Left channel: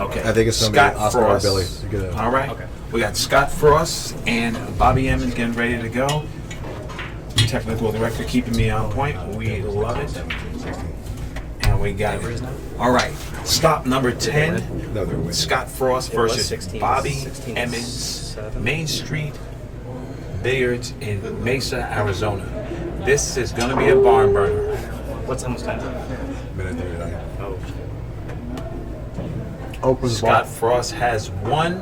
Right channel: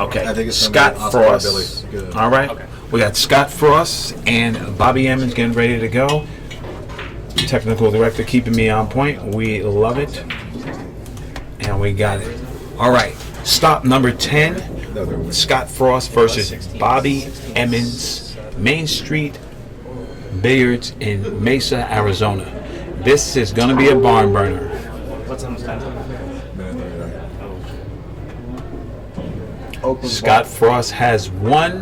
Okay. I think it's Scott Oscar or Frost. Billy. Good. All right. Okay. We got Scott Frost and Bobby Emmons getting ready to go. Technical director keeping me on point. We love it. And we got it. All right. Stop number 10. Scott Frost versus Bobby Emmons. Main Street Billiards in Mesa, Arizona. This is going to be a barn burner. What's almost time? Minute 39. Oh. Open Scott Frost has won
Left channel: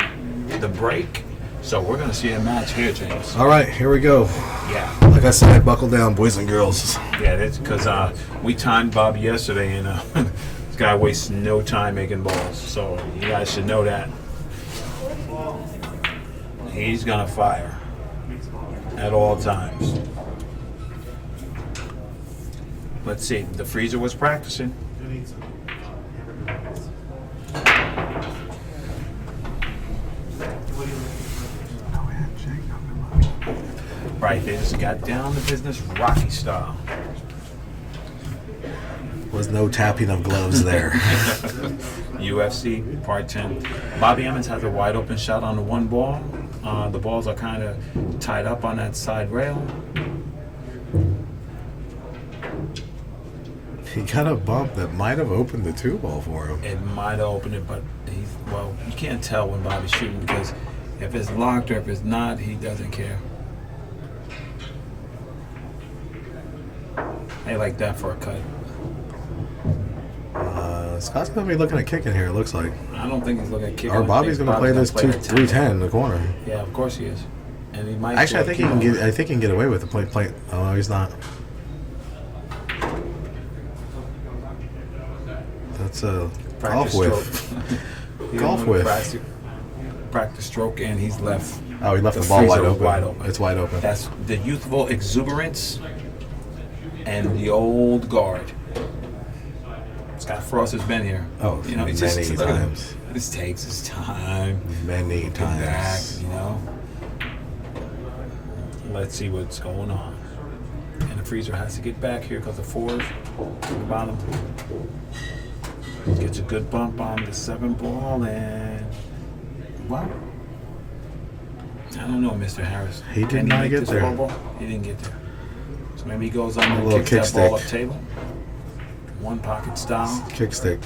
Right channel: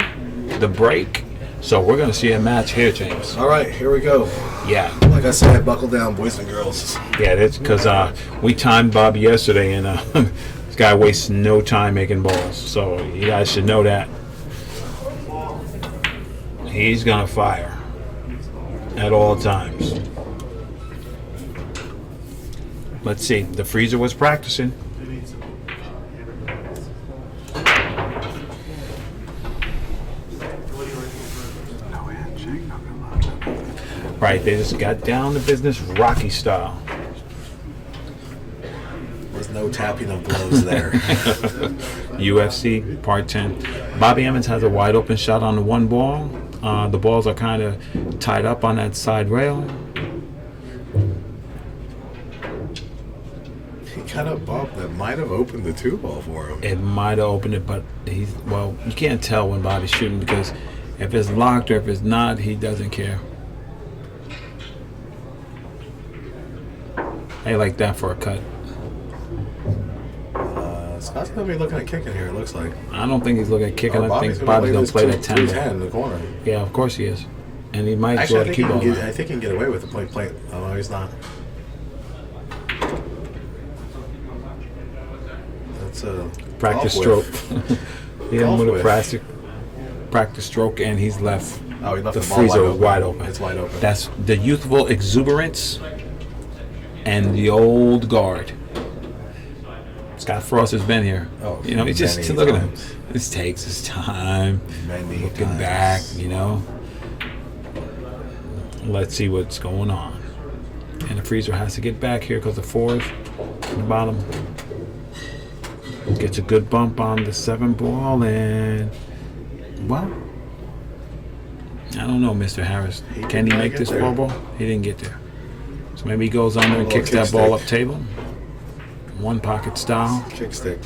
the break. So we're going to see a match here, James. All right, here we go. Yeah. Like I said, buckle down, boys and girls. Yeah, that's because we timed Bobby yesterday, and this guy wastes no time making balls. So you guys should know that. He's going to fire at all times. Let's see. The freezer was practicing. Right, they just got down to business Rocky style. There's no tapping of gloves there. UFC Part 10. Bobby Emmons has a wide open shot on the one ball. The balls are kind of tied up on that side rail. He got a bump that might have opened the two ball for him. It might have opened it, but you can't tell when Bobby's shooting because if it's locked or if it's not, he doesn't care. They like that for a cut. Scott's going to be looking at kicking here, it looks like. I don't think he's looking at kicking. Or I Bobby's think going to play this that 10. 210 in the corner. Yeah, of course he is. And he might Actually, I think, keep he can going. get, I think he can get away with the play. Oh, no, he's not. That's a Practice golf stroke. whiff. He had a Golf little whiff. practice stroke, and he's left. Oh, he left The the ball freezer wide open. It's wide open. That's the youthful exuberance and the old guard. Scott Frost has been here. Oh, you know, he just many look at him. times. This takes his time. Many Looking times. back, you know. Let's see what's going on. And the freezer has to get back here because the fours on the bottom. Gets a good bump on the 7 ball, and well, I don't know, Mr. Harris. He did Can he not make get this there. 4 ball? He didn't get there. So maybe he goes under and little kicks that kick ball stick. up table. One pocket style. Kick stick.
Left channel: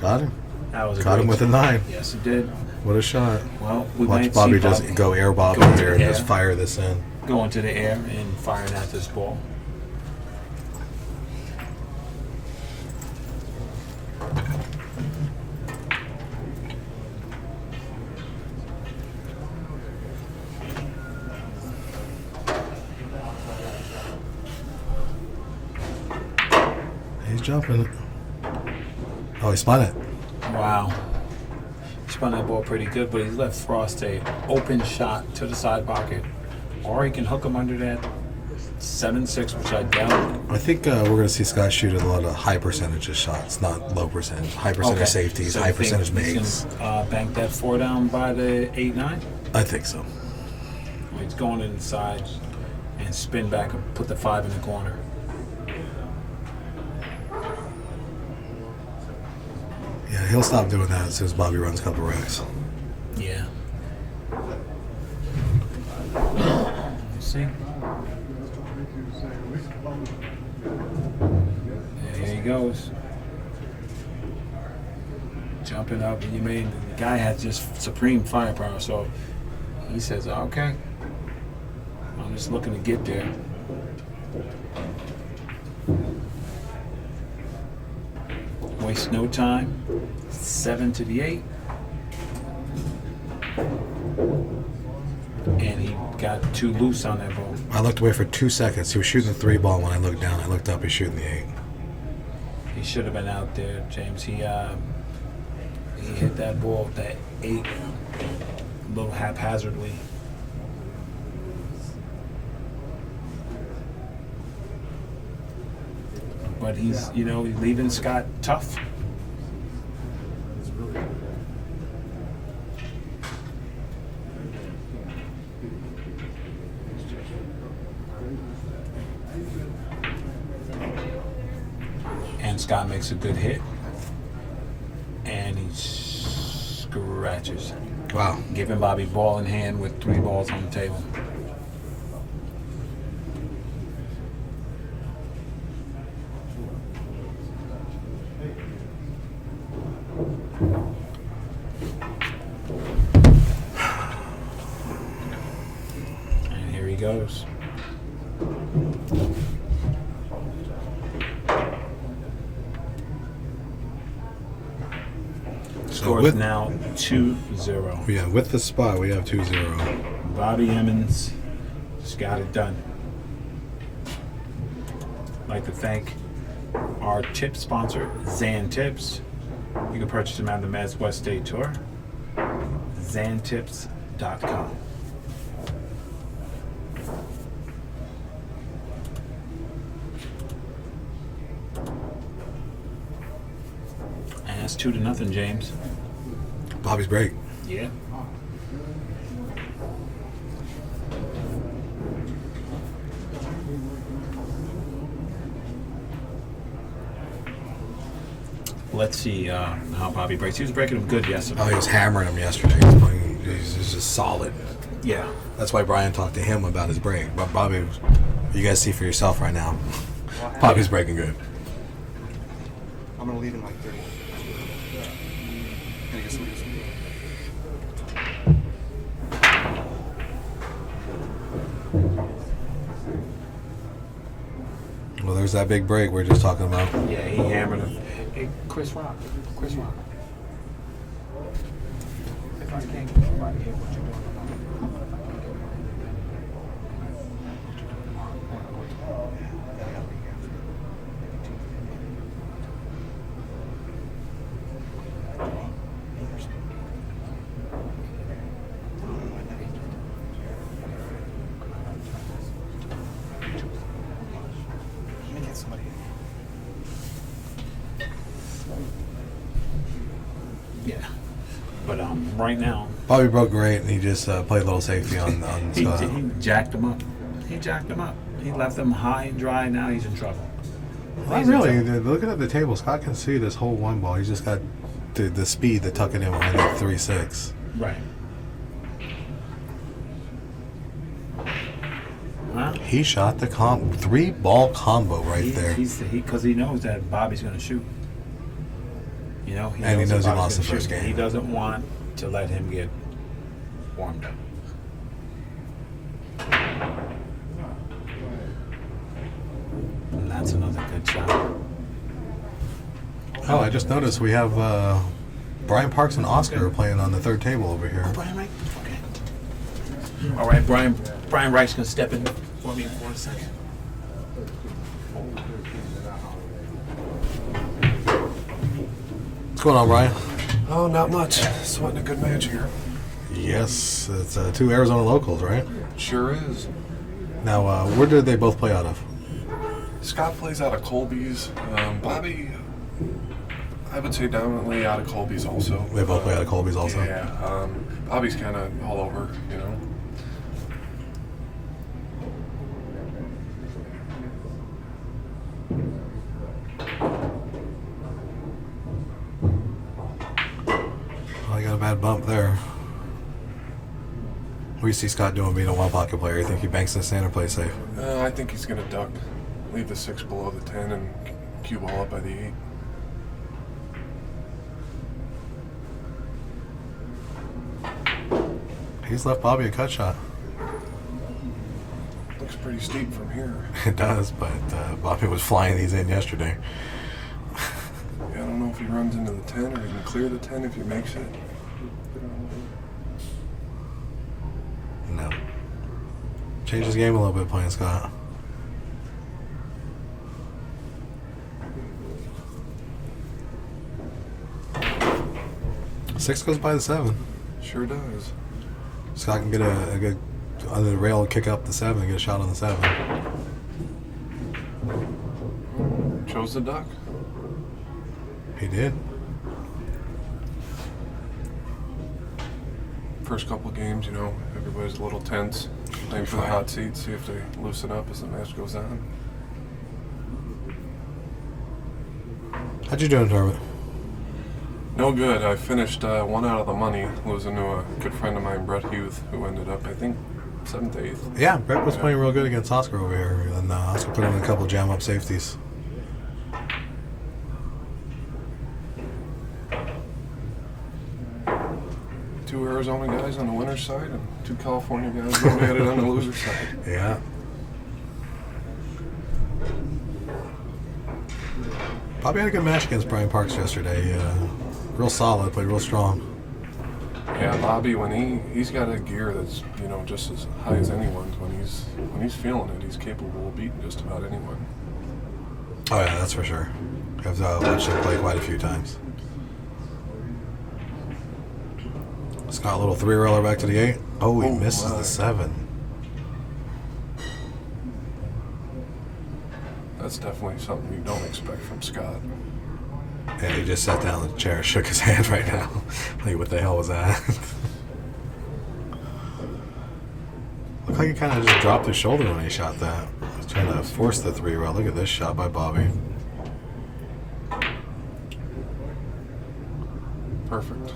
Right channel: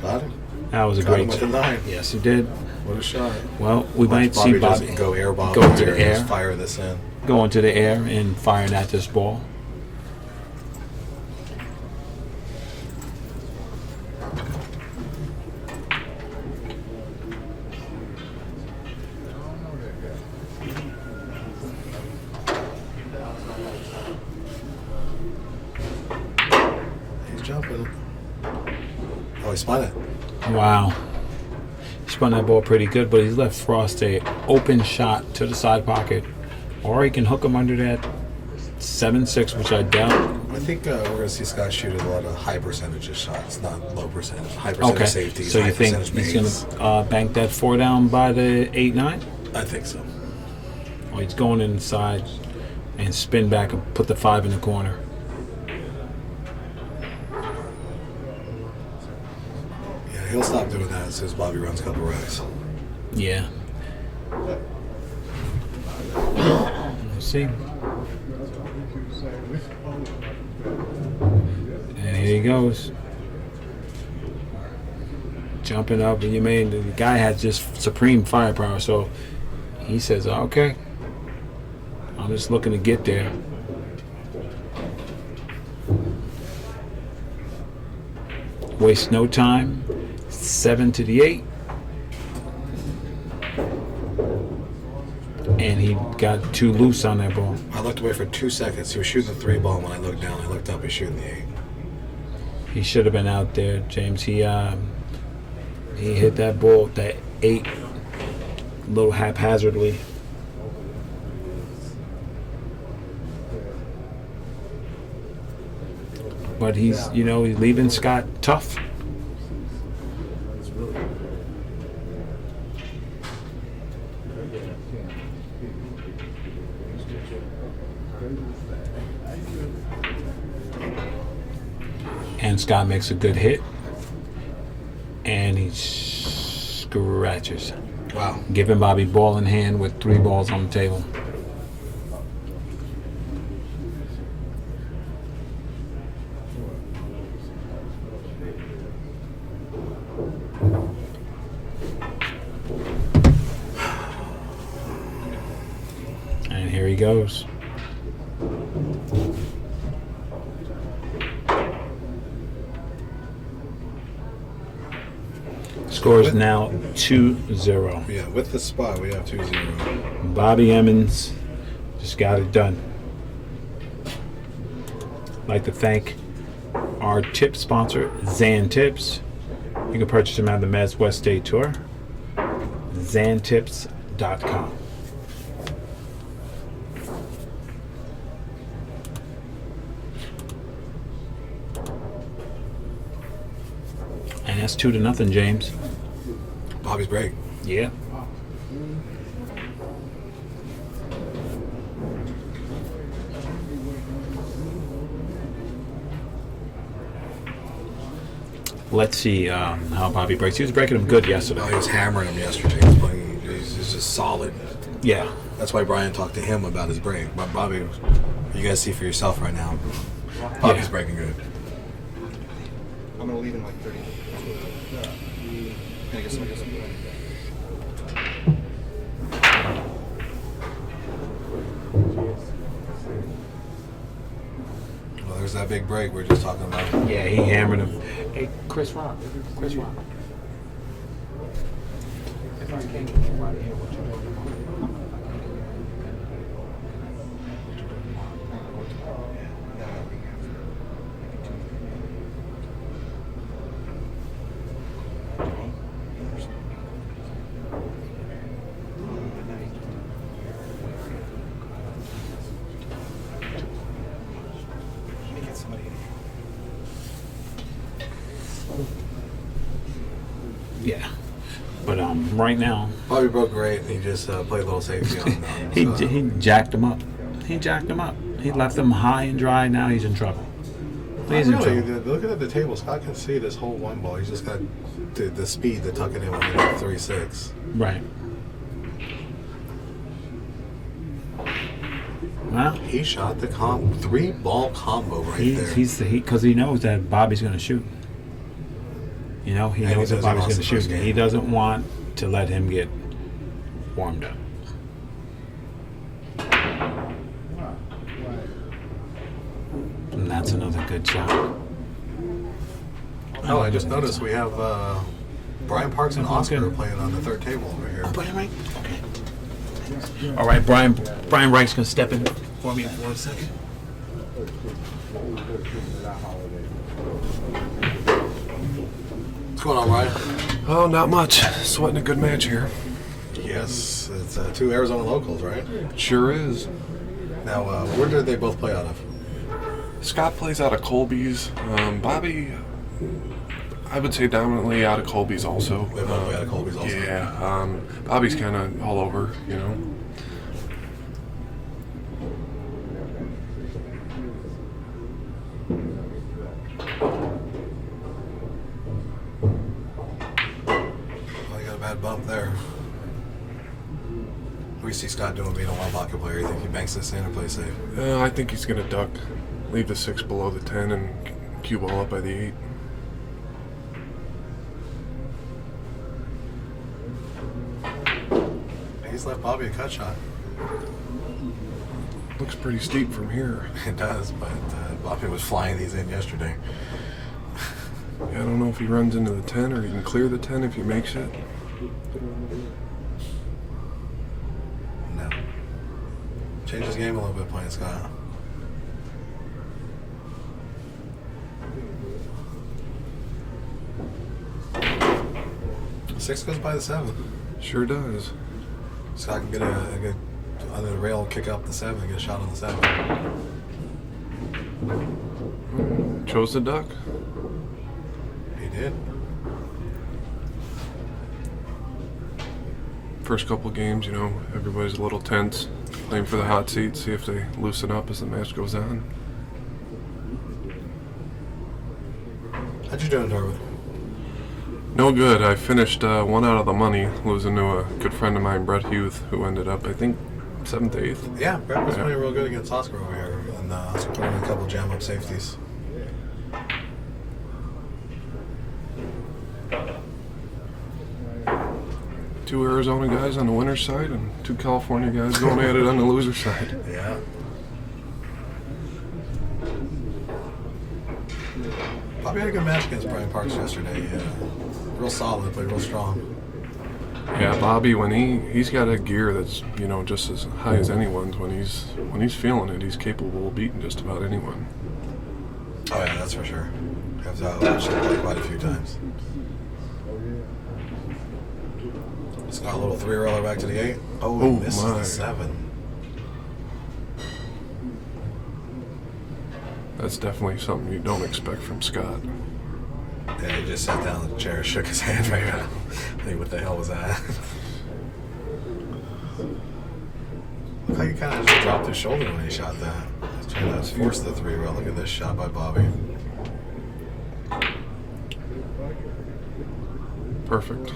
Got him. That was a Got great him with a 9. Yes, he did. What a shot. Well, we Watch might Bobby see just Bobby go air bob go over into there the and just air. fire this in. go into the air and firing at this ball. He's jumping. Oh, he spun it. Wow. He spun that ball pretty good, but he's left Frost a open shot to the side pocket. Or he can hook him under that 7-6, which I doubt. I think we're going to see Scott shoot a lot of high percentage shots, not low percentage. High percentage safeties, so high you think percentage he's makes. going to bank that 4 down by the 8-9? I think so. Or he's going inside and spin back and put the 5 in the corner. Yeah, he'll stop doing that as soon as Bobby runs a couple racks. Yeah. Let's see. And here he goes. Jumping up, and the guy has just supreme firepower, so he says, okay, I'm just looking to get there. Waste no time. 7 to the 8. And he got too loose on that ball. I looked away for 2 seconds. He was shooting the 3 ball. When I looked down, I looked up. He's shooting the 8. He should have been out there, James. He hit that ball, that 8, a little haphazardly. But he's leaving Scott tough. And Scott makes a good hit. And he scratches. Wow. Giving Bobby ball in hand with 3 balls on the table. And here he goes. Score is now 2-0. Yeah, with the spot, we have 2-0. Bobby Emmons just got it done. I'd like to thank our tip sponsor, Zan Tips. You can purchase them on the Mezz West Day Tour. ZanTips.com. And that's 2-0, James. Bobby's break. Yeah. Let's see how Bobby breaks. He was breaking him good yesterday. Oh, he was hammering him yesterday. He's just solid. Yeah. That's why Brian talked to him about his break. But Bobby, you guys see for yourself right now. Bobby's breaking good. I'm gonna leave in like 30 minutes. Can I get some? Well, there's that big break we are just talking about. Yeah, he hammered him. Hey, Chris Rock. Chris Rock. If I can't get you out of here, what you doing tomorrow? What you doing tomorrow? Let me get somebody. Yeah. But right now, Bobby broke great, and he just played a little safety on he jacked him up. He jacked him up. He left him high and dry. Now he's in trouble. Not really. Looking at the table, Scott can see this whole 1 ball. He's just got the speed to tuck it in when he hit 3-6. Right. Well, He shot the 3-ball combo right there. Because he knows that Bobby's going to shoot. You know, he And he knows knows that he Bobby's lost going the to shoot. first game. He doesn't want to let him get warmed up. And that's another good shot. Oh, I just noticed we have Brian Parks and Oscar playing on the third table over here. Oh, Brian Reich? Okay. All right, Brian Reich's going to step in for me for a second. What's going on, Brian? Oh, not much. Sweating a good match here. Yes, it's 2 Arizona locals, right? Sure is. Now, where did they both play out of? Scott plays out of Colby's. Bobby, I would say dominantly out of Colby's also. They both play out of Colby's also. Yeah. Bobby's kind of all over, you know. Oh, I got a bad bump there. What do you see Scott doing being a wild pocket player? You think he banks this in or plays safe? I think he's going to duck, leave the 6 below the 10, and cue ball up by the 8. He's left Bobby a cut shot. Looks pretty steep from here. It does, but Bobby was flying these in yesterday. Yeah, I don't know if he runs into the 10 or he can clear the 10 if he makes it. No. Changed his game a little bit playing Scott. Six goes by the 7. Sure does. Scott can get a good under the rail and kick up the 7 and get a shot on the 7. Chose the duck. He did. First couple games, you know, everybody's a little tense, playing for the hot seat, see if they loosen up as the match goes on. How'd you do in tournament? No good. I finished one out of the money, losing to a good friend of mine, Brett Hughes, who ended up, I think, 7th, 8th. Yeah, Brett was playing real good against Oscar over here, and Oscar put him in a couple jam up safeties. Two Arizona guys on the winner's side and two California guys going at it on the loser's side. Yeah. Bobby had a good match against Brian Parks yesterday. Real solid, played real strong. Yeah, Bobby, when he's got a gear that's, you know, just as high as anyone's, when he's feeling it, he's capable of beating just about anyone. Oh yeah, that's for sure. You have to watch him play quite a few times. Scott, a little 3-roller back to the 8. Oh, he misses the 7. That's definitely something you don't expect from Scott. Yeah, he just sat down in the chair and shook his hand right now. Like, what the hell was that? Looked like he kind of just dropped his shoulder when he shot that. He's trying to force the 3-roll. Look at this shot by Bobby. Perfect.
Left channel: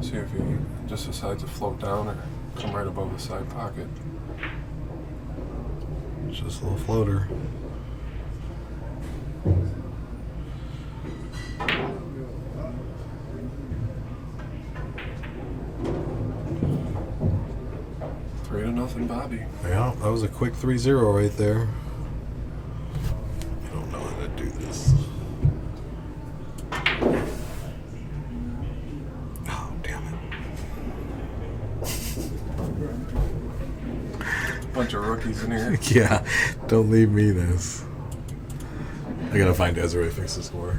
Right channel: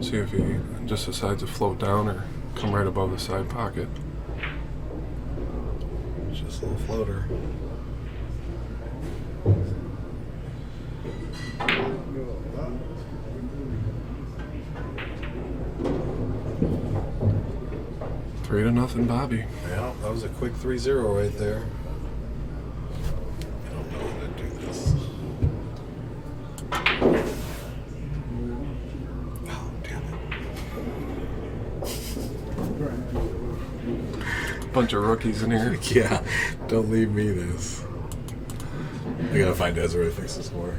See if he just decides to float down or come right above the side pocket. It's just a little floater. Three to nothing, Bobby. Yeah, that was a quick 3-0 right there. I don't know how to do this. Oh, damn it. Bunch of rookies in here. Yeah, don't leave me this. I gotta find Desiree to fix the score.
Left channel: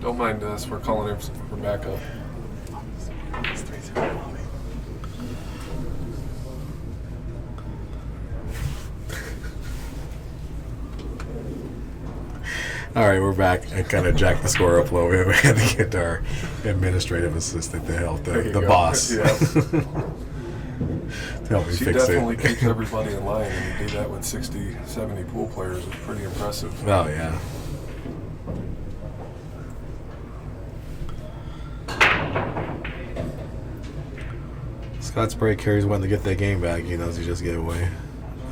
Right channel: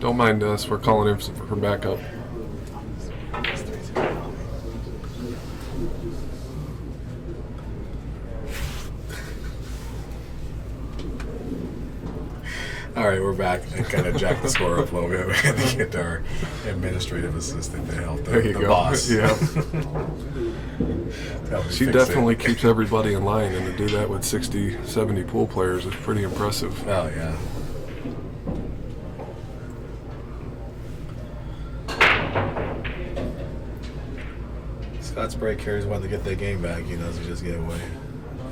Don't mind us. We're calling him for backup. All right, we're back. I kind of jacked the score up a little bit. We had to get our administrative assistant to help There you the go. boss. Yeah. To help me She fix definitely it. keeps everybody in line, and to do that with 60, 70 pool players is pretty impressive. Oh, yeah. Scott Sprague carries one to get that game back. He knows he just gave away.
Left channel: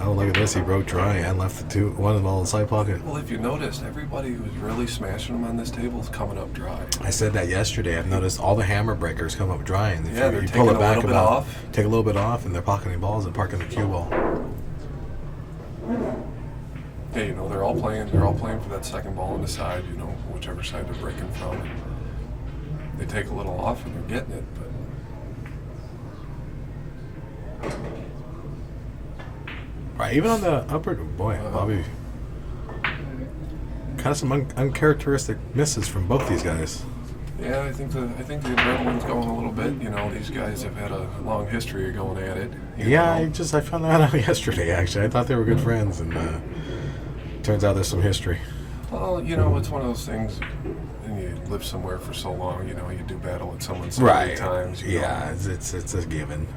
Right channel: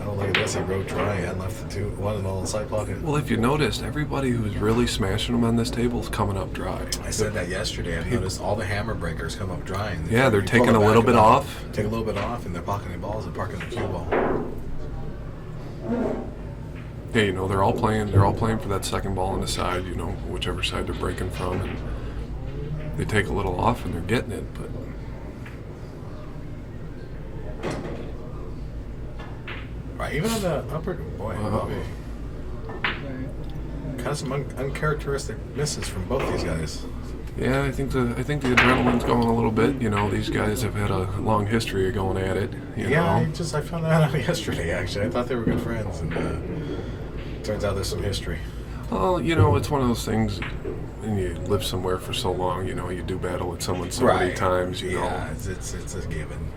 Oh, look at this. He broke dry and left the one in all the side pocket. Well, if you noticed, everybody who's really smashing them on this table is coming up dry. I said that yesterday. I've noticed all the hammer breakers come up dry. And Yeah, they're you taking pull it a back little bit about- off. Take a little bit off, and they're pocketing balls and parking the cue ball. Yeah, you know, they're all playing for that second ball on the side, you know, whichever side they're breaking from, and they take a little off and they're getting it, but Right, even on the upper, boy, Bobby. Kind of some uncharacteristic misses from both these guys. yeah, I think the adrenaline's going a little bit. You know, these guys have had a long history of going at it. You Yeah, know. I found that out yesterday. Actually, I thought they were good friends, and turns out there's some history. Well, you know, it's one of those things. And you live somewhere for so long, you know, you do battle with someone so many times. You Yeah, know. it's a given.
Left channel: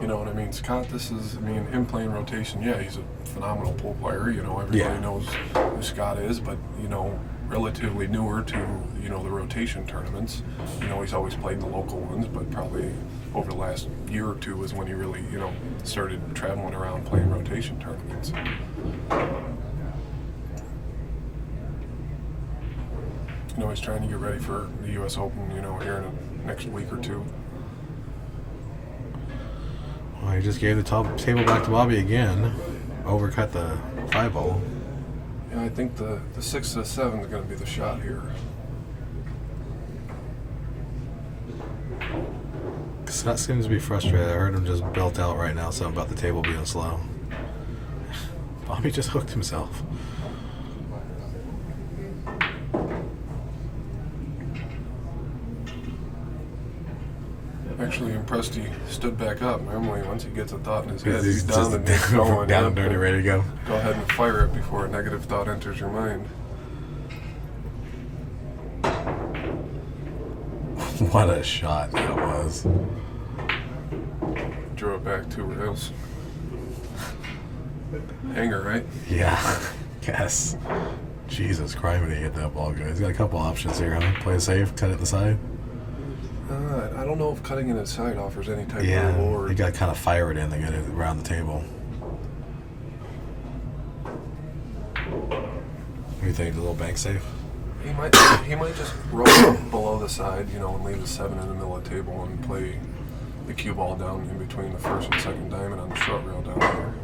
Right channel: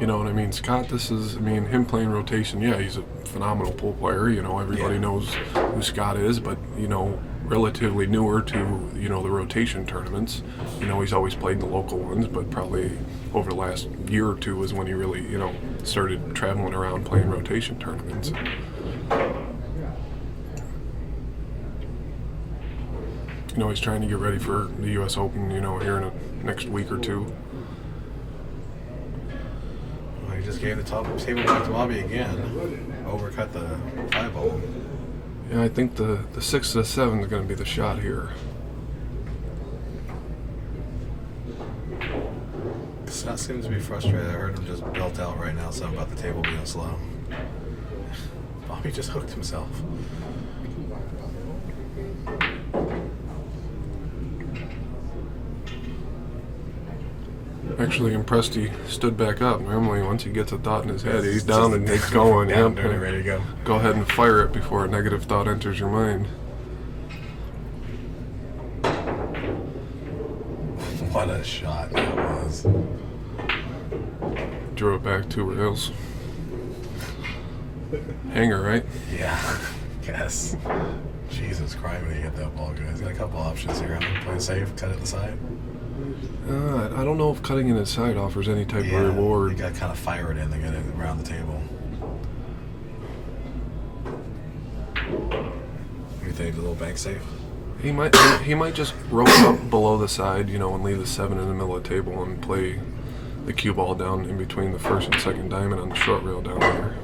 You know what I mean? Scott, him playing rotation, yeah, he's a phenomenal pool player. You know, everybody Yeah. knows who Scott is, but, you know, relatively newer to, you know, the rotation tournaments. You know, he's always played the local ones, but probably over the last year or two is when he really, you know, started traveling around playing rotation tournaments. You know, he's trying to get ready for the U.S. Open, you know, here in the next week or two. Well, he just gave the top table back to Bobby again. Overcut the 5-ball. Yeah, I think the 6 to the 7 is going to be the shot here. Scott seems to be frustrated. I heard him just belt out right now something about the table being slow. Bobby just hooked himself. Actually impressed he stood back up. Normally, once he gets a thought in his head, He's he's down just and he's going. down, yeah. dirty, ready to go. Go ahead and fire it before a negative thought enters your mind. What a shot that was. Drew it back 2 rails. Hanger, right? Yeah. Yes. Jesus Christ, when he hit that ball, guys. He's got a couple options here, huh? Play it safe, cut it the side. I don't know if cutting it inside offers any type of reward. You got to kind of fire it in to get it around the table. You think the little bank safe? He might just roll up below the side, you know, and leave the 7 in the middle of the table and play the cue ball down in between the first and second diamond on the short rail down there.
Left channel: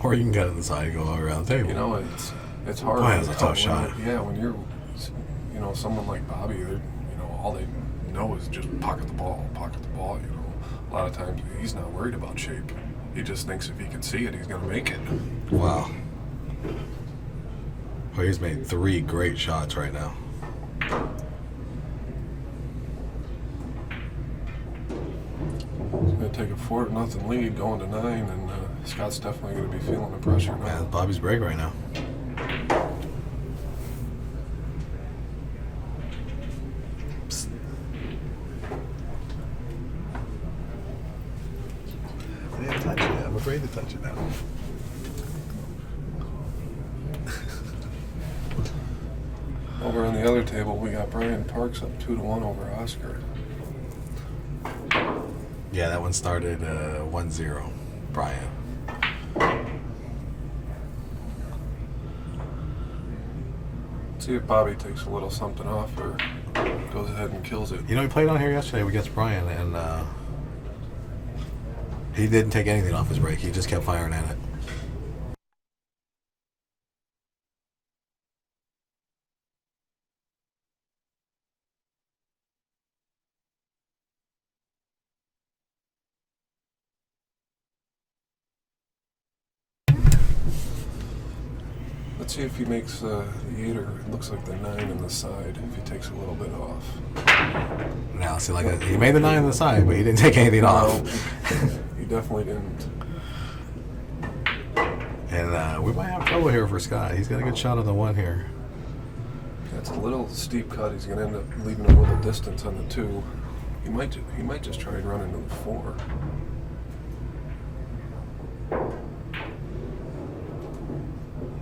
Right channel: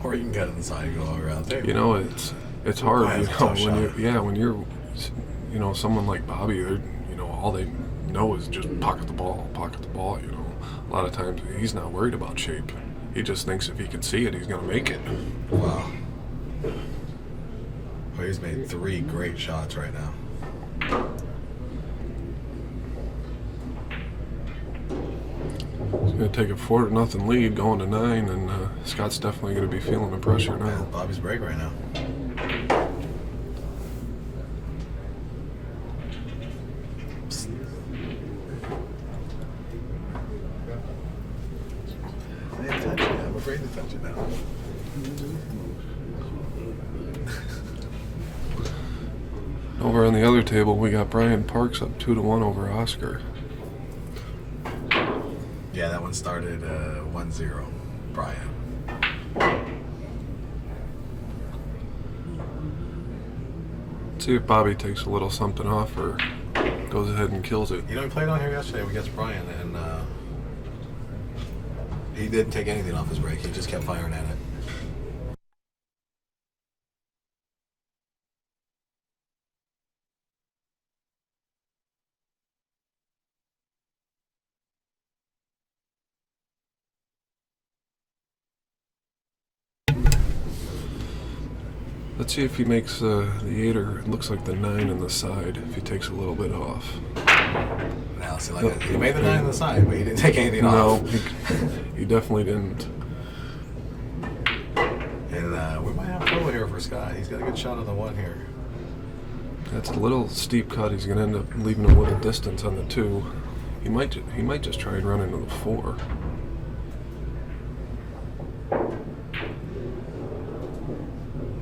Or you can cut it inside and go all around the table. You know, it's hard. Boy, that's a tough shot. When you're, you know, someone like Bobby, you know, all they know is just pocket the ball, you know. A lot of times he's not worried about shape. He just thinks if he can see it, he's going to make it. Wow. Well, he's made 3 great shots right now. He's going to take a 4-0 lead going to 9, and Scott's definitely going to be feeling the pressure now. Man, Bobby's break right now. I didn't touch it. I'm afraid to touch it now. Over on the other table, we got Brian Parks up 2-1 over Oscar. Yeah, that one started 1-0. Brian. See if Bobby takes a little something off or goes ahead and kills it. You know, he played on here yesterday against Brian, and he didn't take anything off his break. He just kept firing at it. Let's see if he makes the 8 or it looks like the 9 on the side, if he takes a little bit off. Now, see, like he made the 9 on the side, but he didn't take anything off. He definitely didn't. And we might have trouble here for Scott. He's got a good shot on the 1 here. That's a little steep cut. He's going to end up leaving a little distance on the 2. He might just try and run into the 4.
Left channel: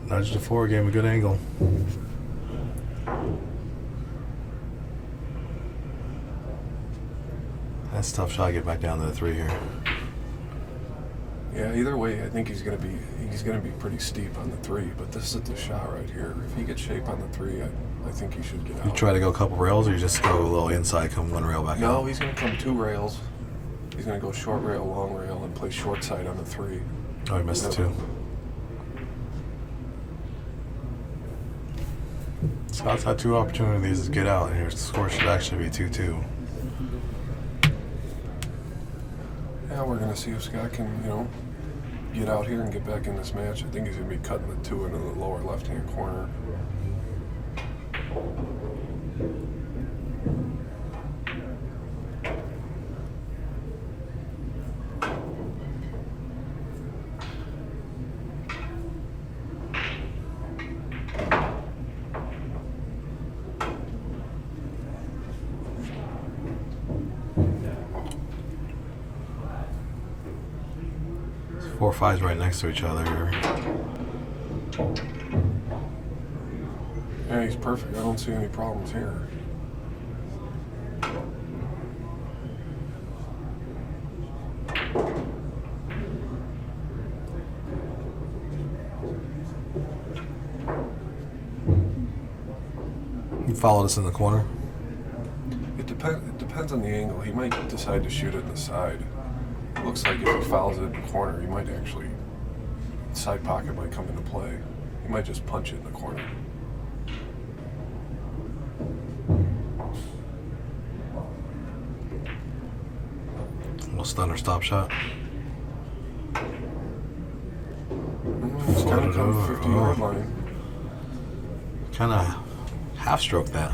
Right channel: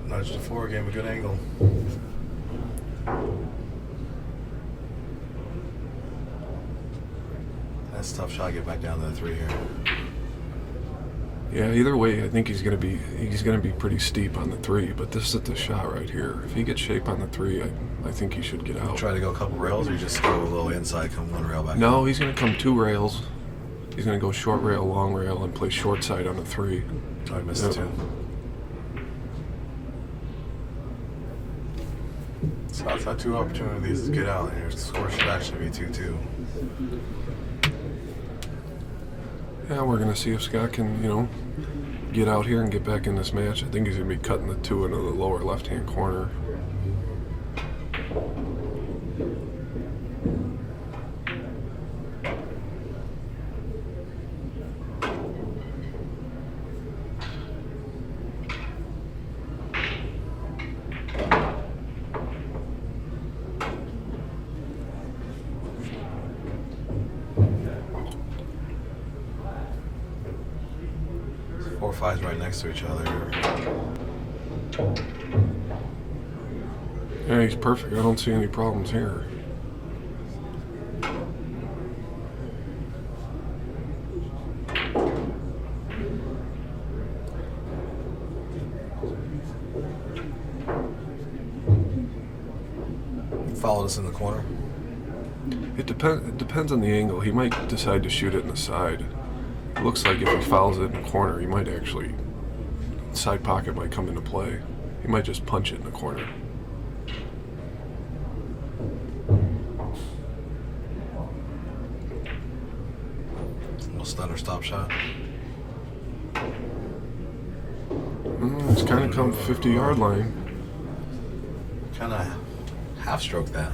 Nudge the 4, gave him a good angle. That's a tough shot to get back down to the 3 here. Yeah, either way, I think he's gonna be pretty steep on the 3, but this is the shot right here. If he gets shape on the 3, I think he should get out. You try to go a couple rails, or you just go a little inside, come 1 rail back No, out? he's gonna come 2 rails. He's gonna go short rail, long rail, and play short side on the 3. Oh, he missed the 2. Scott's had 2 opportunities to get out, and your score should actually be 2-2. Yeah, we're gonna see if Scott can, you know, get out here and get back in this match. I think he's gonna be cutting the 2 into the lower left-hand corner. Four fives right next to each other. Yeah, he's perfect. I don't see any problems here. You followed us in the corner. It depends on the angle. He might decide to shoot it in the side. It looks like if he fouls it in the corner, he might actually, side pocket might come into play. He might just punch it in the corner. A little stunner stop shot. It's kind of come 50-yard line. Kind of half stroke that.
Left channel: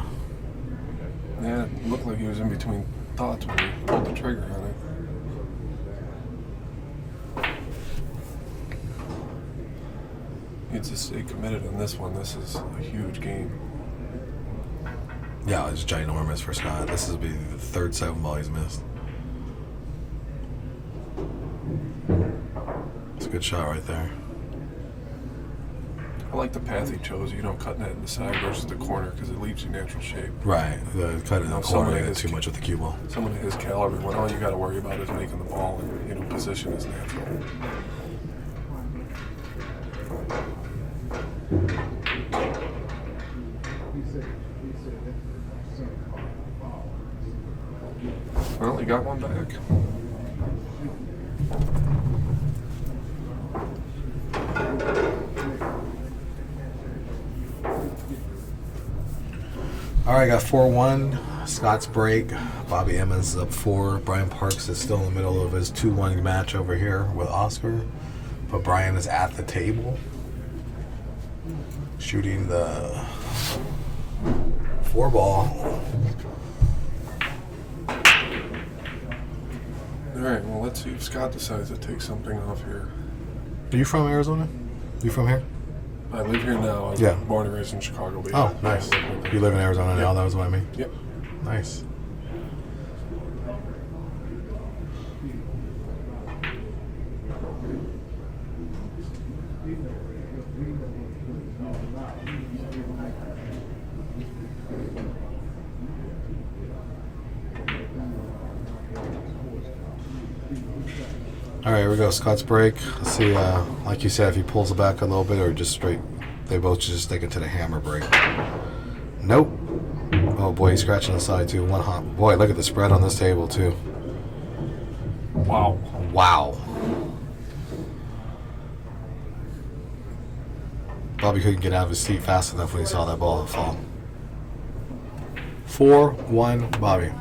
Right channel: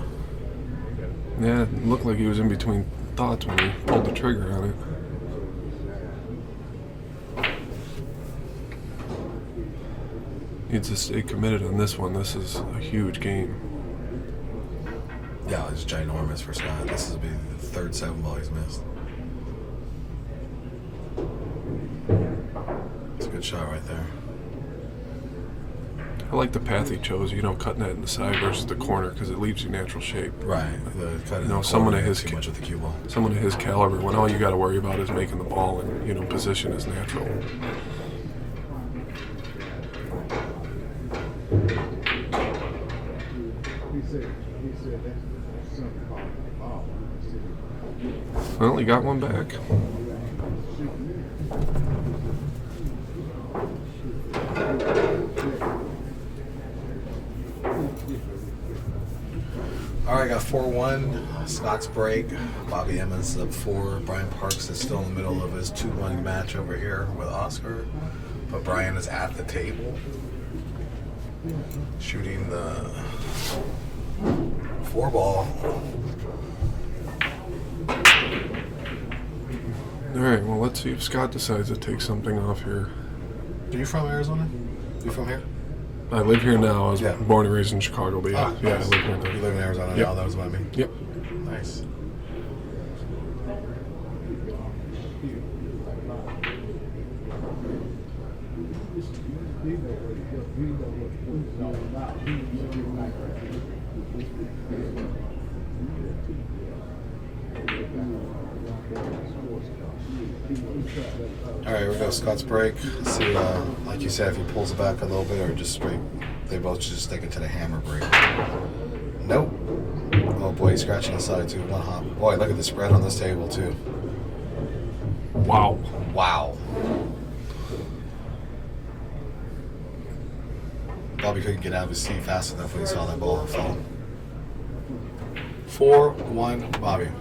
Yeah, it looked like he was in between thoughts when he pulled the trigger on it. He just stayed committed on this one. This is a huge game. Yeah, it's ginormous for Scott. This will be the third 7-ball he's missed. It's a good shot right there. I like the path he chose, cutting that in the side versus the corner because it leaves you natural shape. Right. The cut in the someone corner of his too much with the cue ball. Someone of his caliber, when all you got to worry about is making the ball and position is natural. Well, he got one back. All right, got 4-1. Scott's break. Bobby Emmons is up 4. Brian Parks is still in the middle of his 2-1 match over here with Oscar. But Brian is at the table shooting the 4-ball. All right, well, let's see if Scott decides to take something off here. Are you from Arizona? You from here? I live here now. I was Yeah. born and raised in Chicago, but Oh, yeah, nice. I live here now. You live in Arizona now? Yep. That was what I mean. Yep. Nice. All right, here we go. Scott's break. Let's see, like you said, if he pulls it back a little bit or just straight. They both just stick into the hammer break. Nope. Oh boy, he's scratching the side too. One hop. Boy, look at the spread on this table too. Wow. Wow. Bobby couldn't get out of his seat fast enough when he saw that ball fall. 4-1 Bobby.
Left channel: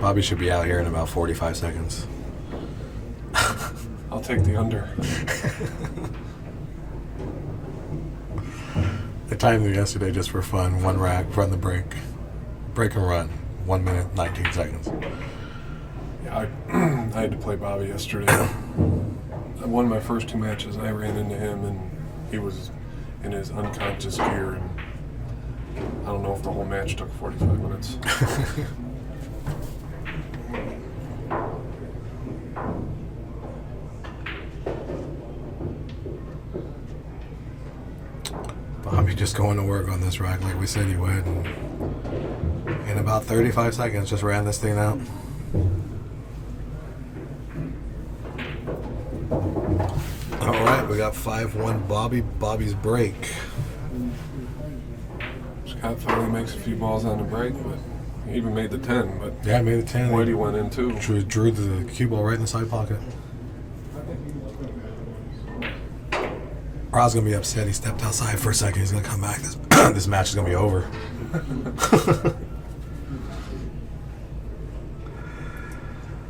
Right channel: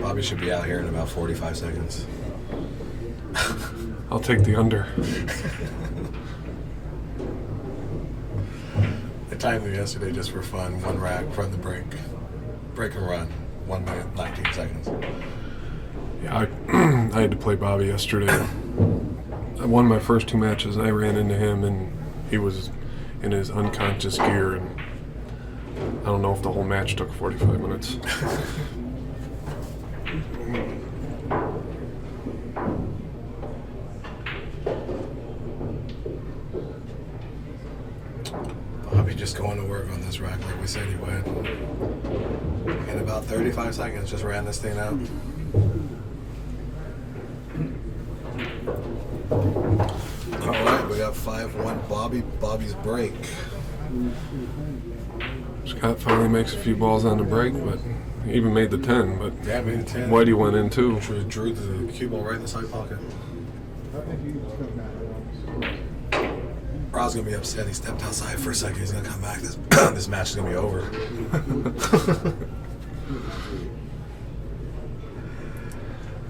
Bobby should be out here in about 45 seconds. I'll take the under. I timed it yesterday just for fun. One rack, run the break. Break and run. 1 minute, 19 seconds. Yeah, I had to play Bobby yesterday. I won my first 2 matches, and I ran into him, and he was in his unconscious gear, and I don't know if the whole match took 45 minutes. Bobby just going to work on this rack like we said he would. And in about 35 seconds, just ran this thing out. All right, we got 5-1 Bobby. Bobby's break. Scott finally makes a few balls on the break, but he even made the 10, but Yeah, made the 10. Whitey went in too. Drew the cue ball right in the side pocket. Rob's gonna be upset. He stepped outside for a second. He's gonna come back. This match is gonna be over.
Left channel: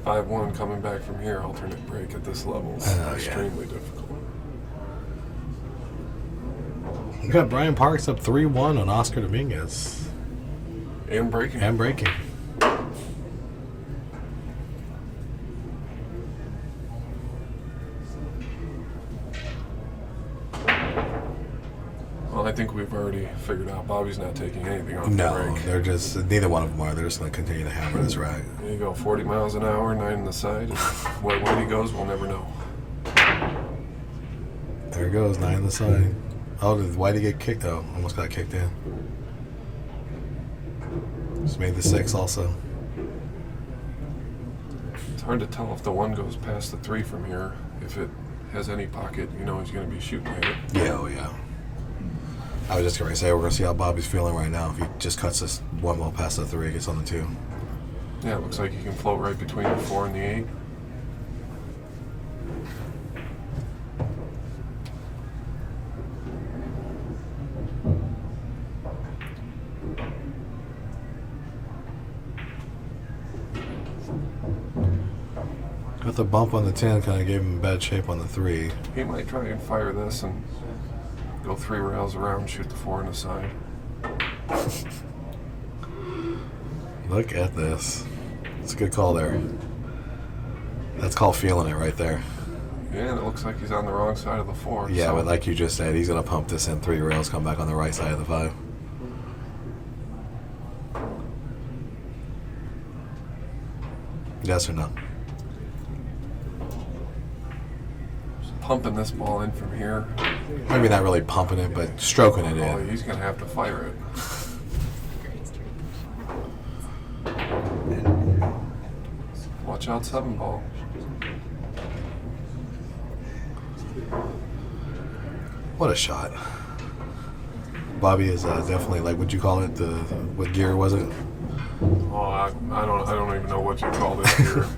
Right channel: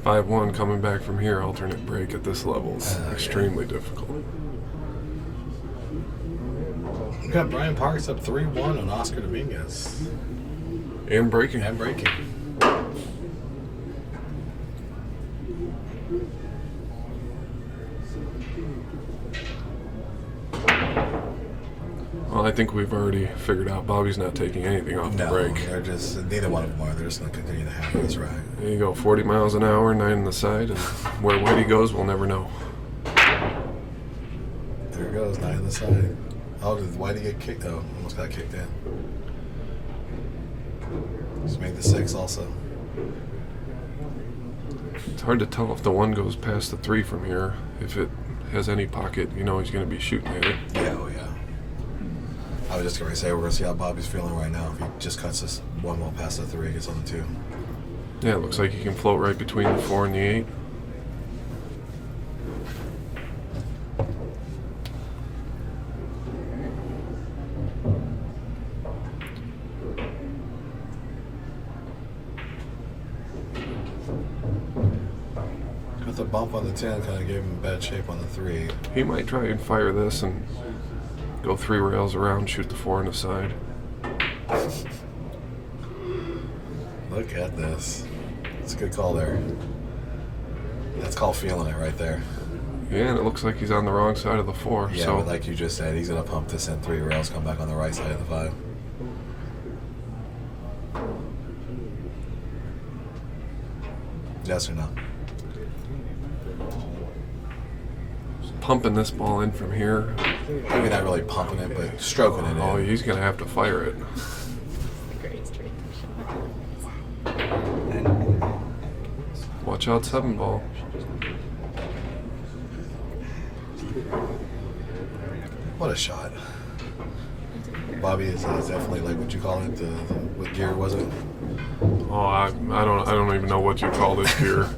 5-1 coming back from here, alternate break at this level is extremely difficult. We got Brian Parks up 3-1 on Oscar Dominguez. And breaking. And breaking. Well, I think we've already figured out Bobby's not taking anything off the No, break. they're just, neither one of them are. They're just gonna continue to hammer this rack. There you go, 40 miles an hour, 9 on the side, and where Whitey goes, we'll never know. There it goes, 9 on the side. Oh, did Whitey get kicked? Oh, almost got kicked in. Just made the 6 also. It's hard to tell if the 1 goes past the 3 from here. If it has any pocket, you know he's going to be shooting at it. Yeah, oh yeah. I was just going to say, we're going to see how Bobby's feeling right now. If he just cuts this 1 ball past the 3, gets on the 2. Yeah, it looks like he can float right between the 4 and the 8. the bump on the 10 kind of gave him bad shape on the 3. He might try and fire this and go 3 rails around, shoot the 4 on the side. Look at this. It's a good call there. That's called feeling it right there. Yeah, and it looks like he's on the wrong side of the 4. Yeah, so but like you just said, he's going to pump this in 3 rails, come back on the right side of the 5. Yes or no? pumping this ball in from here. Maybe not really pumping it, but stroking it Oh, in. he's going to have to fire it. Watch out, 7 ball. What a shot. Bobby is definitely like what you call it. What gear was it? Oh, I don't even know what you call this here.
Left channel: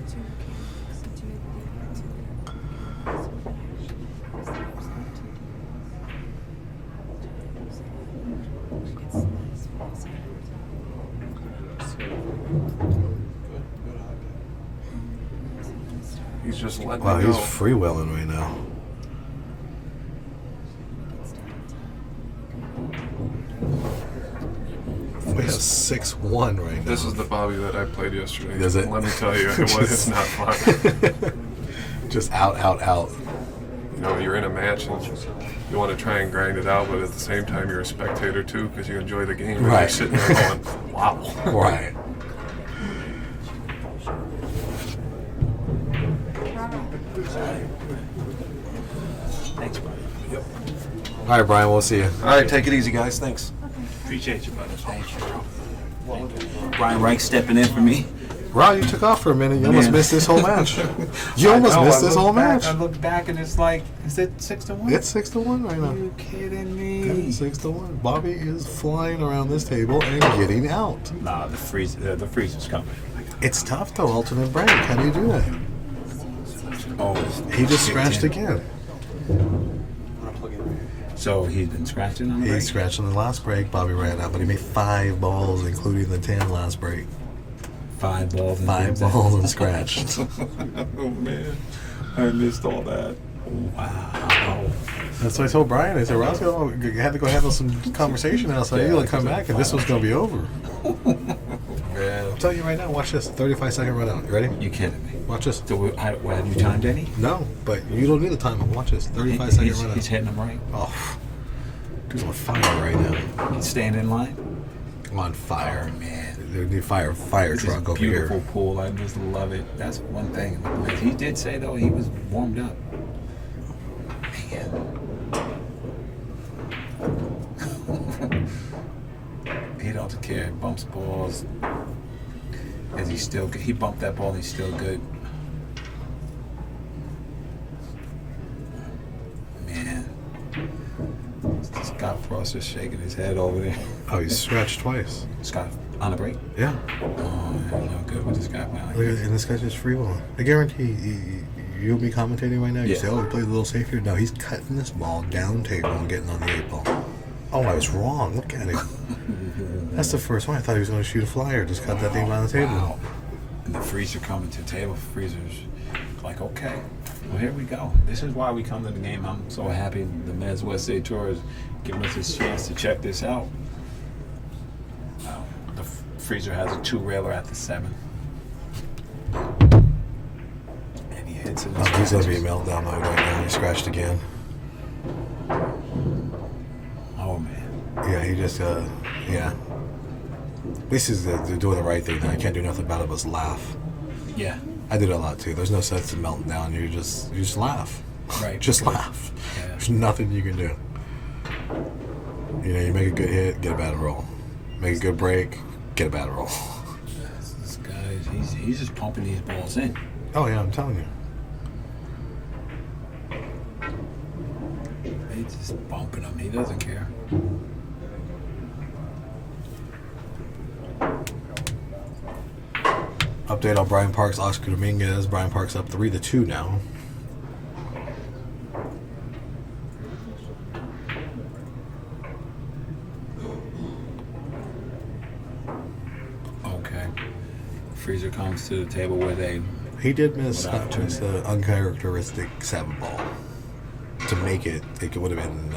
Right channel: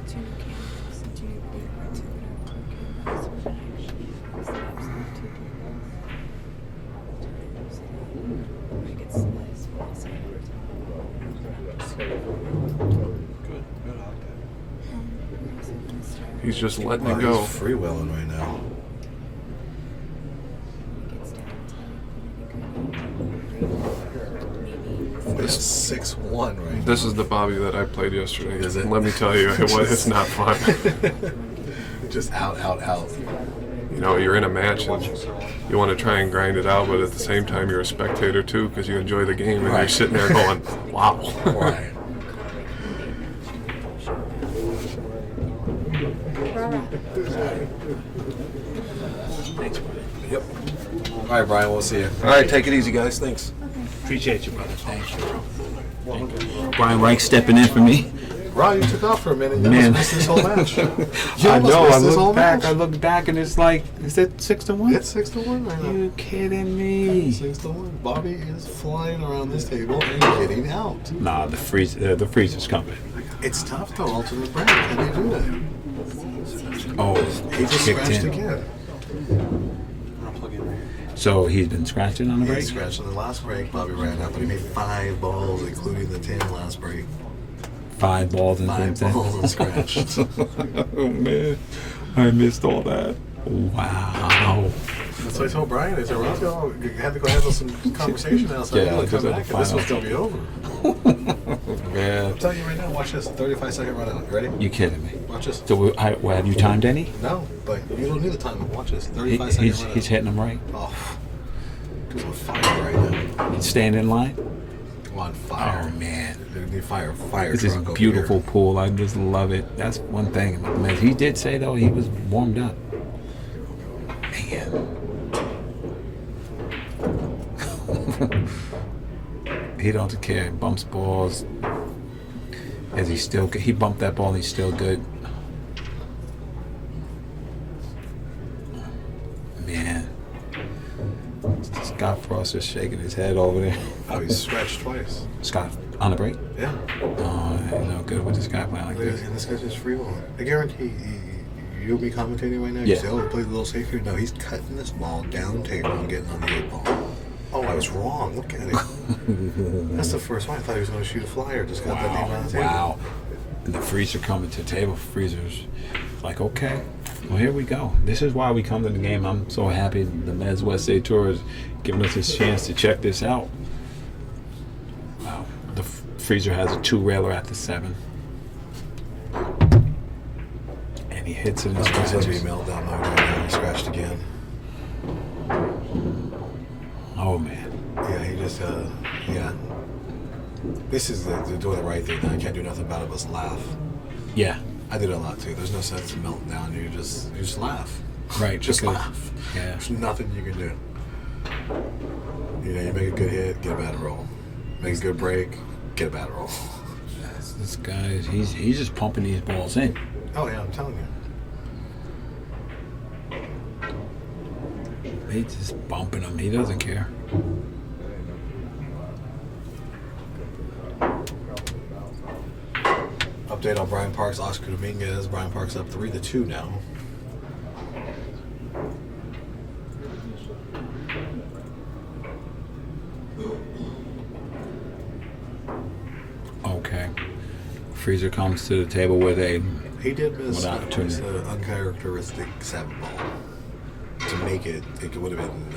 He's just letting Wow, it go. he's freewheeling right now. Wait, 6-1 right now. This is the Bobby that I played yesterday. Is it? Let me tell you, it's not fun. Just out. You know, you're in a match and you want to try and grind it out, but at the same time you're a spectator too because you enjoy the game and Right. you're sitting there going, wow. Right. Thanks, buddy. Yep. All right, Brian, we'll see you. All right, take it easy, guys. Thanks. Appreciate you, brother. Thank you, bro. Brian Reich stepping in for me. Ron, you took off for a minute. You almost Man. missed this whole match. You almost missed this whole match. I looked back and it's like, is it 6-1? It's 6-1 right now. You kidding me? 6-1. Bobby is flying around this table and getting out. Nah, the freezer's coming. It's tough though, alternate break. How do you do that? Oh, He just kicked scratched in. again. So he's been scratching on the He break? scratched on the last break. Bobby ran out, but he made 5 balls, including the 10 last break. 5 balls and 5 balls and scratched. Oh man, I missed all that. Wow. That's what I told Brian. I said, Roscoe, you had to go handle some conversation outside. Yeah, You'll come back, and this one's going to be over. Man. I'm telling you right now, watch this. 35-second run out. You ready? You kidding me? Watch this. So have you timed any? No, but you don't need to time it. Watch this. 35-second run out. He's hitting them right. Oh, he's on fire right now. He's staying in line. On fire. Oh, man. They need fire This is truck a over beautiful here. pool. I just love it. That's one thing about the Mezz. He did say, though, he was warmed up. Man. He don't care. Bumps balls. Is he still good? He bumped that ball. He's still good. Man. Scott Frost is shaking his head over there. Oh, he's scratched twice. Scott, on the break? Yeah. Oh, no good with this guy playing like this. And this guy's just freewheeling. I guarantee you'll be commentating right now. You Yeah. say, oh, he played a little safe here. No, he's cutting this ball down table and getting on the 8 ball. Oh, I was wrong. Look at it. That's the first one. I thought he was going to shoot a flyer. Just got that thing by the table. Wow. And the freezer coming to the table. Freezer's like, okay, well, here we go. This is why we come to the game. I'm so happy the MWST Tour is giving us this chance to check this out. Wow. The freezer has a 2-railer at the 7. And he hits it in He's going to be scratches. meltdown mode right now. He scratched again. Oh, man. Yeah, he just, yeah. This is they're doing the right thing. I can't do nothing about it but laugh. Yeah. I do that a lot too. There's no sense in melting down. You just laugh. Right. Just Good. laugh. Yeah. There's nothing you can do. You know, you make a good hit, get a bad roll. Make a good break, get a bad roll. This guy, he's just pumping these balls in. Oh yeah, I'm telling you. He's just bumping them. He doesn't care. Update on Brian Parks, Oscar Dominguez. Brian Parks up 3-2 now. freezer comes to the table with a He did miss What opportunity? an uncharacteristic 7-ball. To make it, it would have been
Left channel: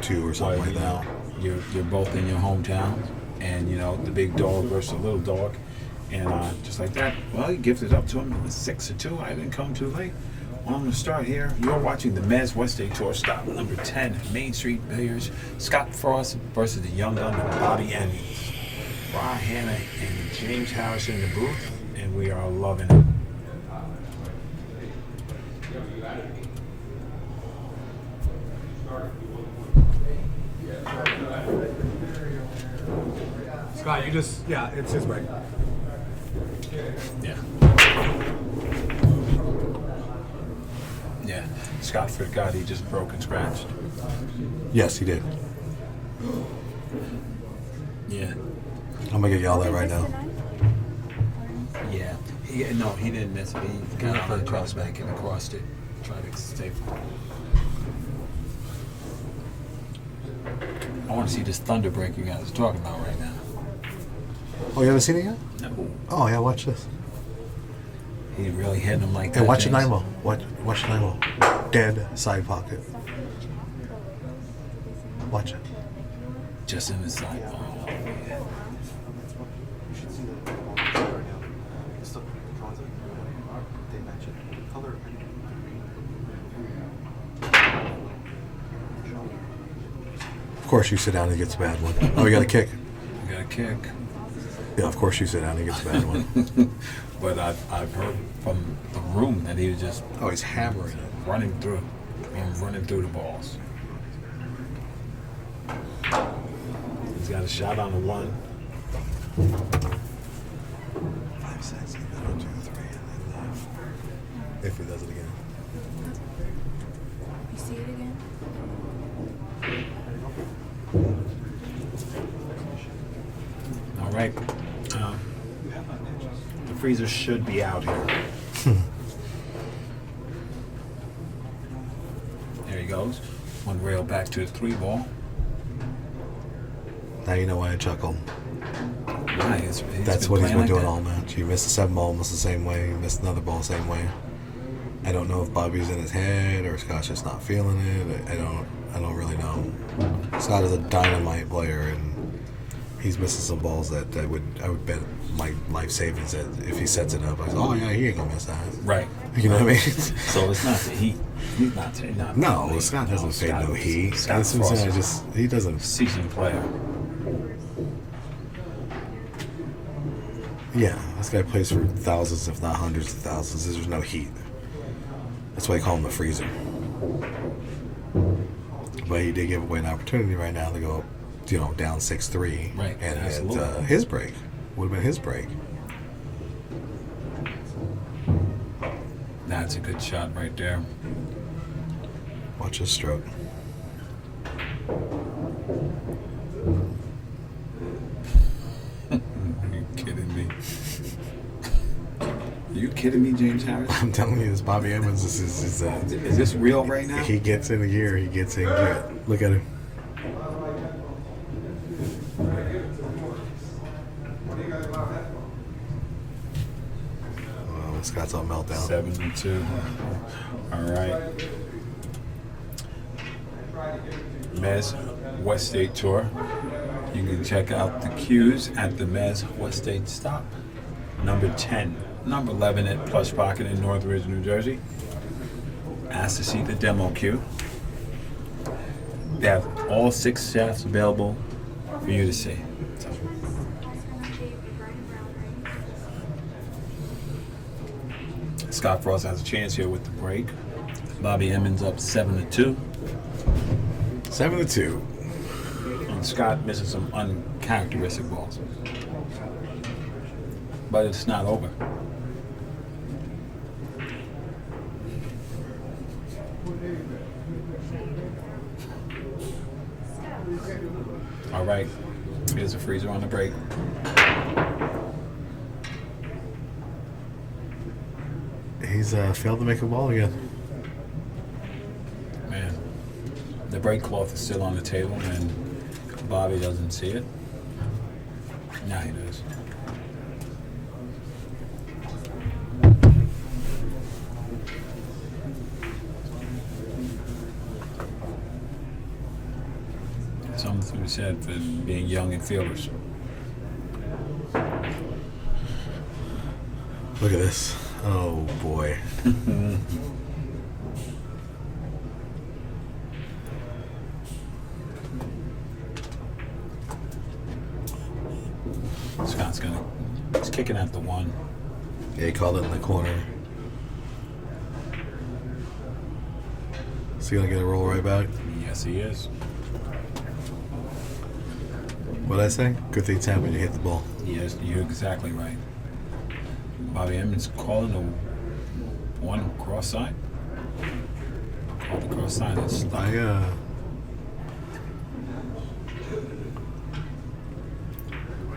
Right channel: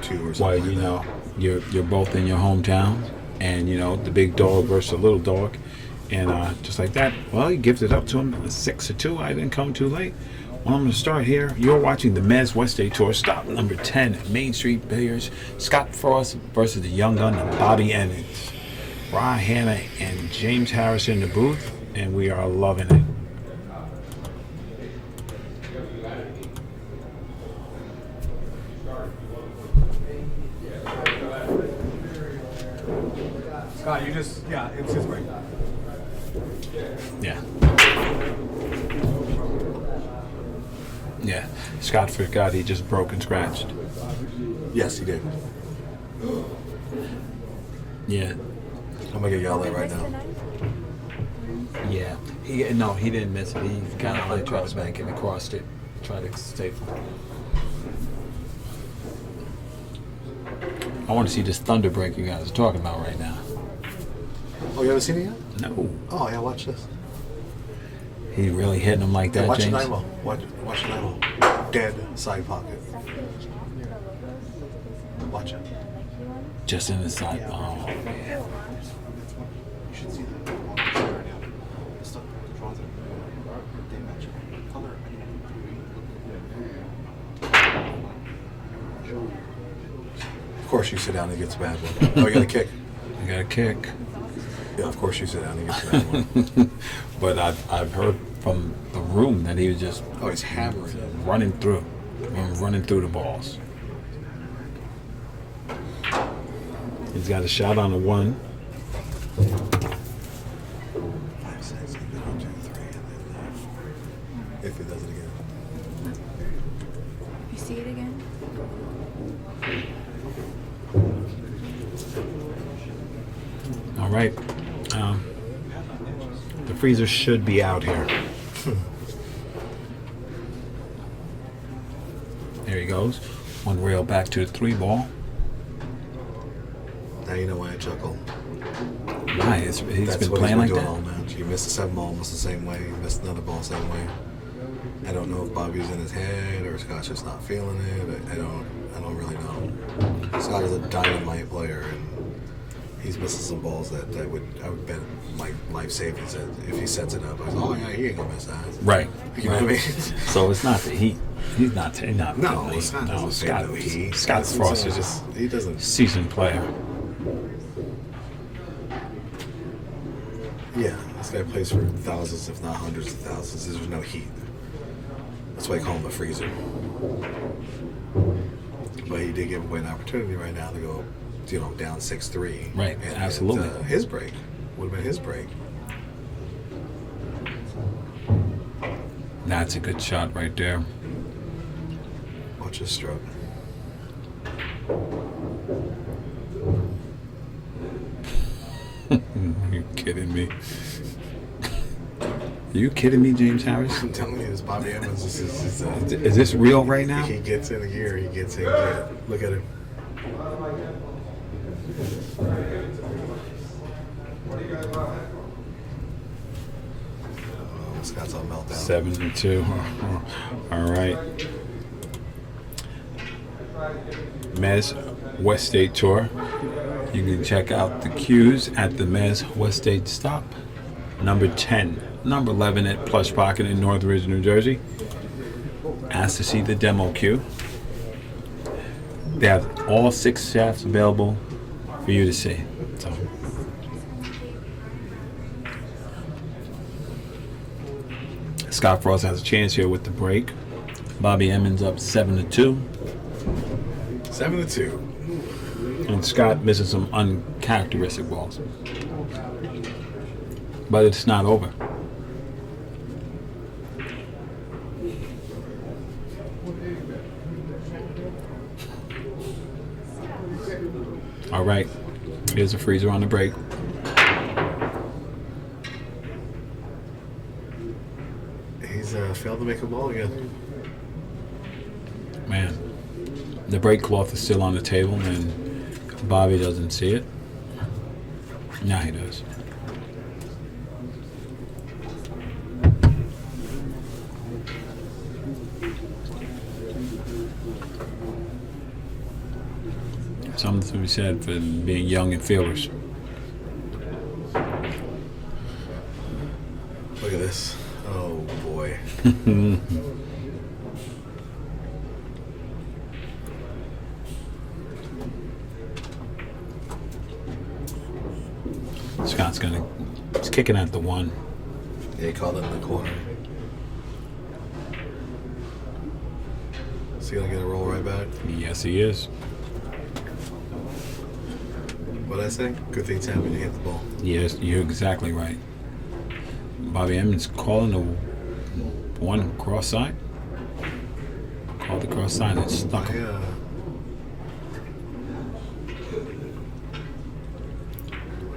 1-2 or something well, like you that. know, you're both in your hometown, and you know the big dog versus the little dog, and just like that. Well, he gives it up to him 6-2. I didn't come too late. Well, I'm going to start here. You're watching the Mezz Wednesday Tour, stop number 10, Main Street Billiards. Scott Frost versus the young gun, Bobby Emmons. Ryan Hanna and James Harris in the booth, and we are loving it. Scott, you just, yeah, it's his break. Yeah. Yeah. Scott forgot he just broke and scratched. Yes, he did. Yeah. I'm gonna get yelled at right now. Yeah. No, he didn't miss it. He got on and tried to bank and across it. Tried to stay. I want to see this thunder break you guys are talking about right now. Oh, you haven't seen it yet? No. Oh yeah, watch this. He really hitting him like Yeah, that. watch the James? 9-ball. Watch the 9-ball. Dead side pocket. Watch it. Just in the side. Oh, yeah. You should see that right now. The stuff drawings that I'm doing, they match it. Color, Of course you sit down and he gets a bad one. Oh, you got a kick. You got a kick. Yeah, of course you sit down and he gets a bad one. But I've heard from the room that he was just Oh, he's hammering it. running through the balls. He's got a shot on the 1. 5 6, and then 1, 2, 3, and then if he does it again. You see it again? All right. The freezer should be out here. There he goes. One rail back to the 3-ball. Now you know why I chuckle. Why? He's That's been what he's playing been like doing that. all match. He missed a 7-ball almost the same way. He missed another ball the same way. I don't know if Bobby's in his head or Scott's just not feeling it. I don't really know. Scott is a dynamite player, and he's missing some balls that I would bet my life savings that if he sets it up, I was, oh yeah, he ain't gonna miss that. Right. You know what I mean? So it's not the heat. He's not. No, Scott doesn't fade no heat. Scott Scott Frost is just he doesn't. seasoned player. Yeah, this guy plays for thousands, if not hundreds of thousands. There's no heat. That's why I call him the freezer. But he did give away an opportunity right now to go, down 6-3. Right, and absolutely. His break would have been his break. That's a good shot right there. Watch his stroke. Are you kidding me? Are you kidding me, James Harris? I'm telling you, this Bobby Emmons Is this real right now? he gets in a gear. He gets in gear. Look at him. Oh, Scott's on meltdown. 7-2. All right. Mezz West State Tour. You can check out the cues at the Mezz West State stop. Number 10, number 11 at Plush Pocket in Northridge, New Jersey. Ask to see the demo cue. They have all 6 shafts available for you to see. So, Scott Frost has a chance here with the break. Bobby Emmons up 7-2. 7-2. And Scott misses some uncharacteristic balls. But it's not over. All right. Here's a freezer on the break. He's failed to make a ball again. Man, the break cloth is still on the table and Bobby doesn't see it. Now he does. something to be said for being young and fearless. Look at this. Oh boy. Scott's he's kicking at the 1. Yeah, he called it in the corner. Is he gonna get a roll right back? Yes, he is. What'd I say? Good things happen when you hit the ball. Yes, you're exactly right. Bobby Emmons calling the 1 cross side. Called the cross side and stuck.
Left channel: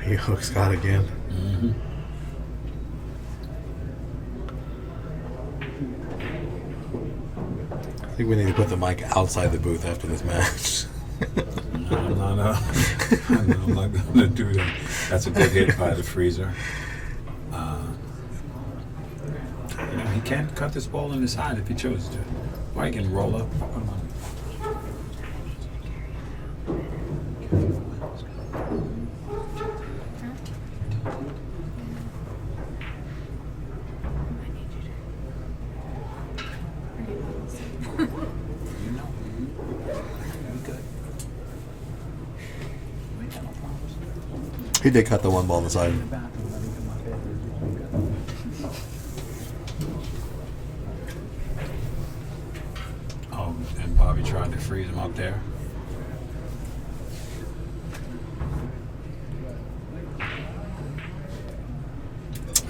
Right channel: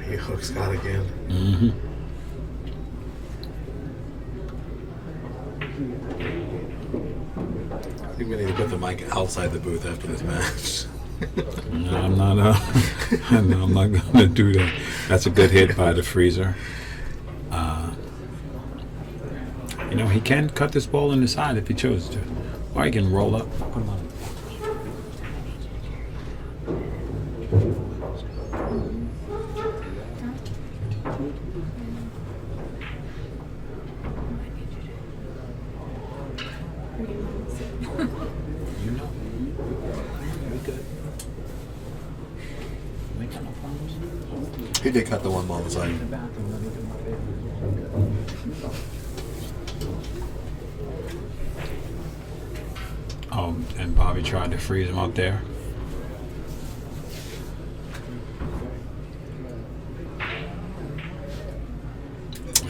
He hooked Scott again. Mm-hmm. I think we need to put the mic outside the booth after this match. No, I'm not. No, I'm not gonna do that. That's a good hit by the freezer. You know, he can cut this ball in the side if he chose to, or he can roll up. Put him on. You know, we good. We ain't got no problems. He did cut the 1 ball on the side. In the bathroom, let me get my bedroom. Oh, and Bobby tried to freeze him up there.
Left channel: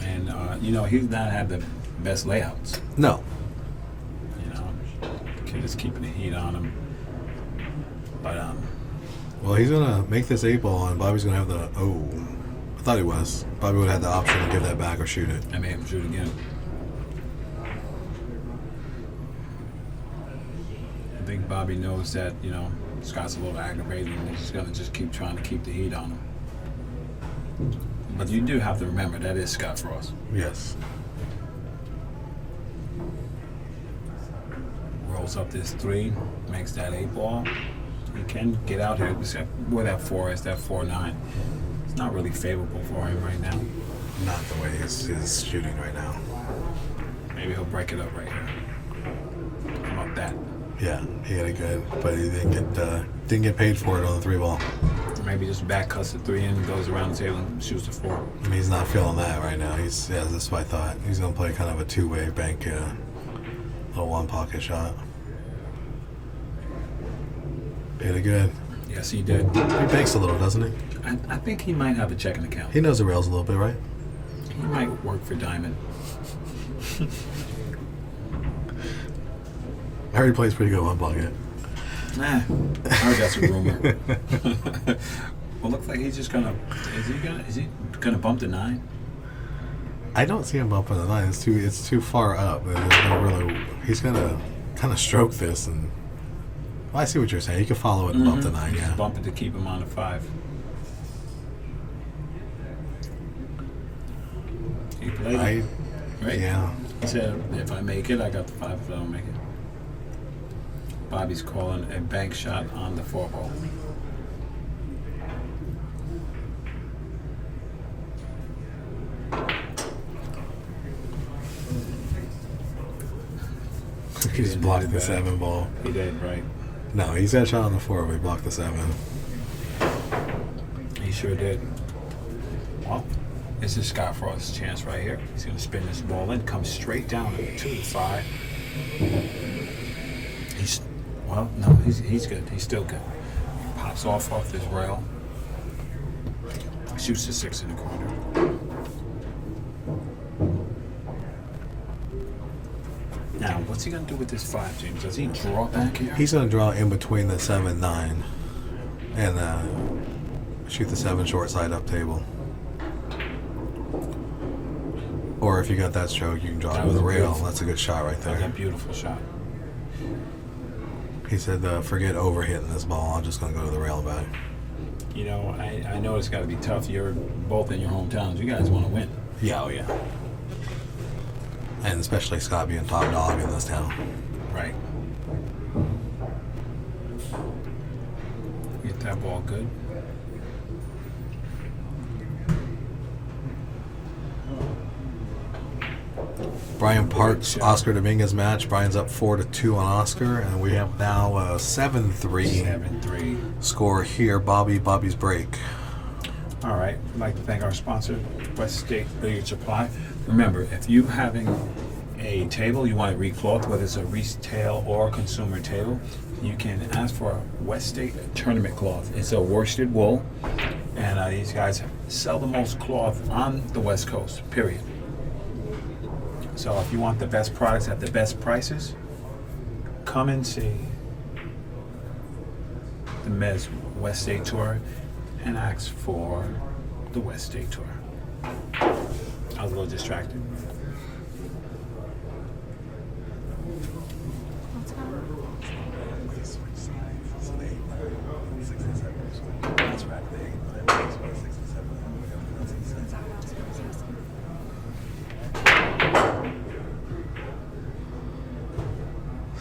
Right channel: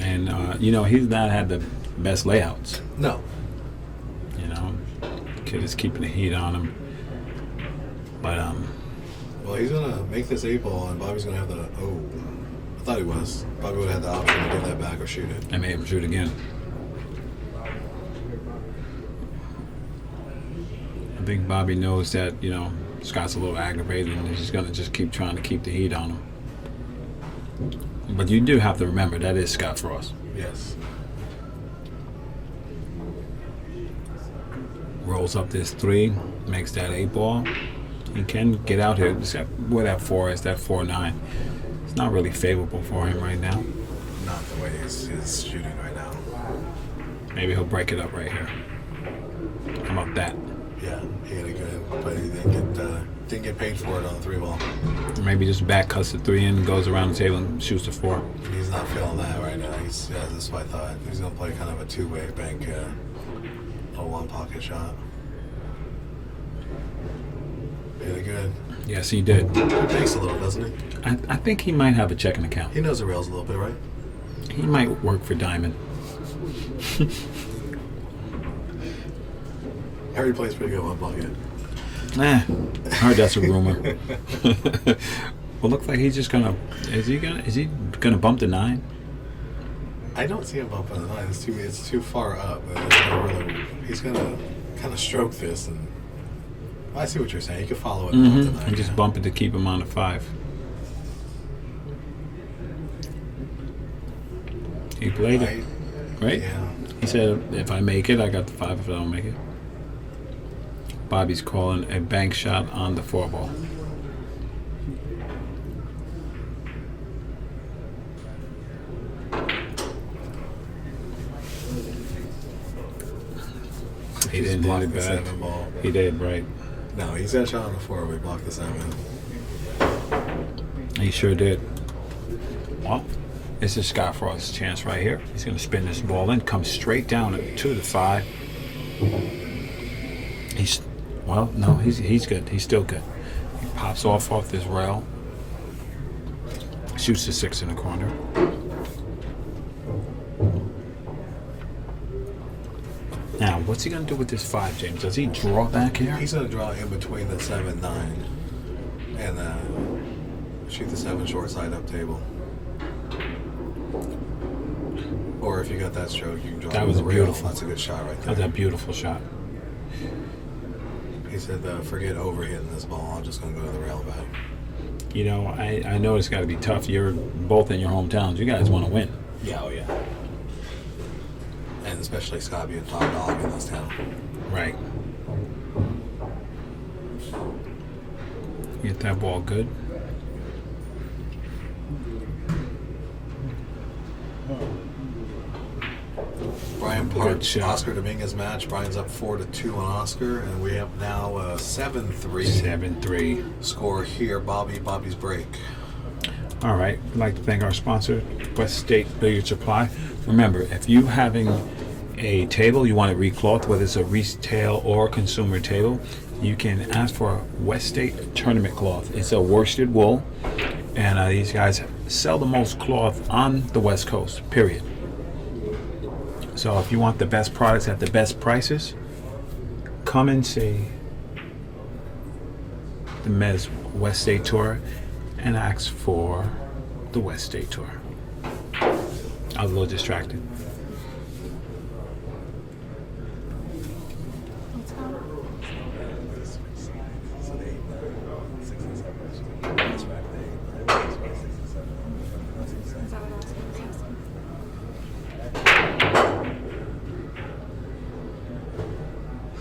And you know, he's not had the best layouts. No. You know, kid is keeping the heat on him. But Well, he's gonna make this 8 ball, and Bobby's gonna have the. Oh, I thought he was. Bobby would have had the option to give that back or shoot it. I made him shoot again. I think Bobby knows that, you know, Scott's a little aggravated and he's gonna just keep trying to keep the heat on him. But you do have to remember that is Scott Frost. Yes. Rolls up this 3, makes that 8 ball. He can get out here. Except where that 4 is, that 4-9. It's not really favorable for him right now. Not the way he's shooting right now. Maybe he'll break it up right here. Come up that. Yeah, he had it good, but he didn't get paid for it on the 3 ball. Or maybe just back cuts the 3 in, goes around the table and shoots the 4. And he's not feeling that right now. That's what I thought. He's gonna play kind of a 2-way bank, little 1 pocket shot. Hit it good. Yes, he did. He banks a little, doesn't he? I think he might have a checking account. He knows the rails a little bit, right? He might work for Diamond. I heard he plays pretty good 1 pocket. Nah, I heard that's a rumor. Well, looks like he's just gonna. Is he gonna bump the 9? I don't see him bumping the 9. It's too far up. He's gonna kind of stroke this, and I see what you're saying. He can follow it and bump the 9. And just bump it to keep him on the 5. He played it, right? Yeah. He said, if I make it, I got the 5. If I don't make it. Bobby's calling a bank shot on the 4 ball. He just blocked the 7 ball. He did, right. No, he's got a shot on the 4. We blocked the 7. He sure did. Well, this is Scott Frost's chance right here. He's going to spin this ball in, come straight down to the 5. He's good. He's still good. He pops off this rail. Shoots the 6 in the corner. Now, what's he going to do with this 5, James? Does he draw back here? He's going to draw in between the 7, 9, and shoot the 7 short side up table. Or if you got that stroke, you can draw That it was with a rail. beautiful. That's a good shot right That was there. a beautiful shot. He said, forget overhitting this ball. I'm just going to go to the rail back. You know, I know it's got to be tough. You're both in your hometowns. You guys want to win. Yeah, oh yeah. And especially Scott being top dog in this town. Right. Get that ball good. Brian Parks, shot. Oscar Dominguez match. Brian's up 4-2 on Oscar, and we have now a 7-3 7-3. score here. Bobby's break. All right. We'd like to thank our sponsor, West State Billiard Supply. Remember, if you having a table you want to recloth, whether it's a retail or consumer table, you can ask for a West State tournament cloth. It's a worsted wool, and these guys sell the most cloth on the West Coast, period. So if you want the best products at the best prices, come and see the Mezz West State Tour and ask for the West State Tour. I was a little distracted.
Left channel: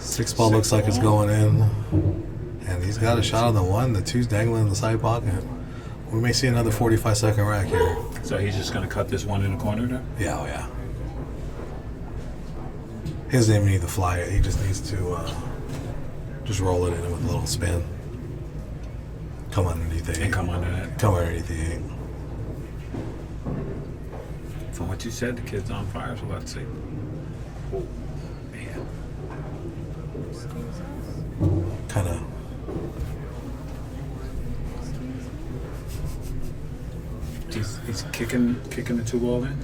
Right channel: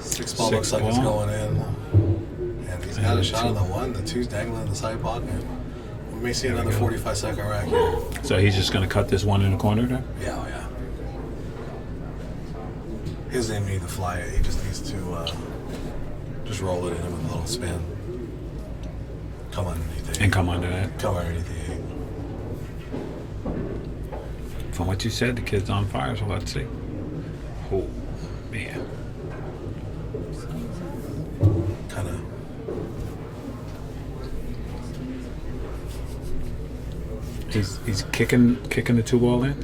Six ball looks Six like it's ball. going in. And he's got a shot on the one. The two's dangling in the side pocket. We may see another 45-second rack here. So he's just going to cut this one in the corner there? Yeah, oh yeah. He doesn't even need to fly it. He just needs to just roll it in with a little spin. Come underneath the 8. And come under that. Come underneath the 8. From what you said, the kid's on fire, so let's see. Oh, man. Kind of. He's kicking the 2 ball in.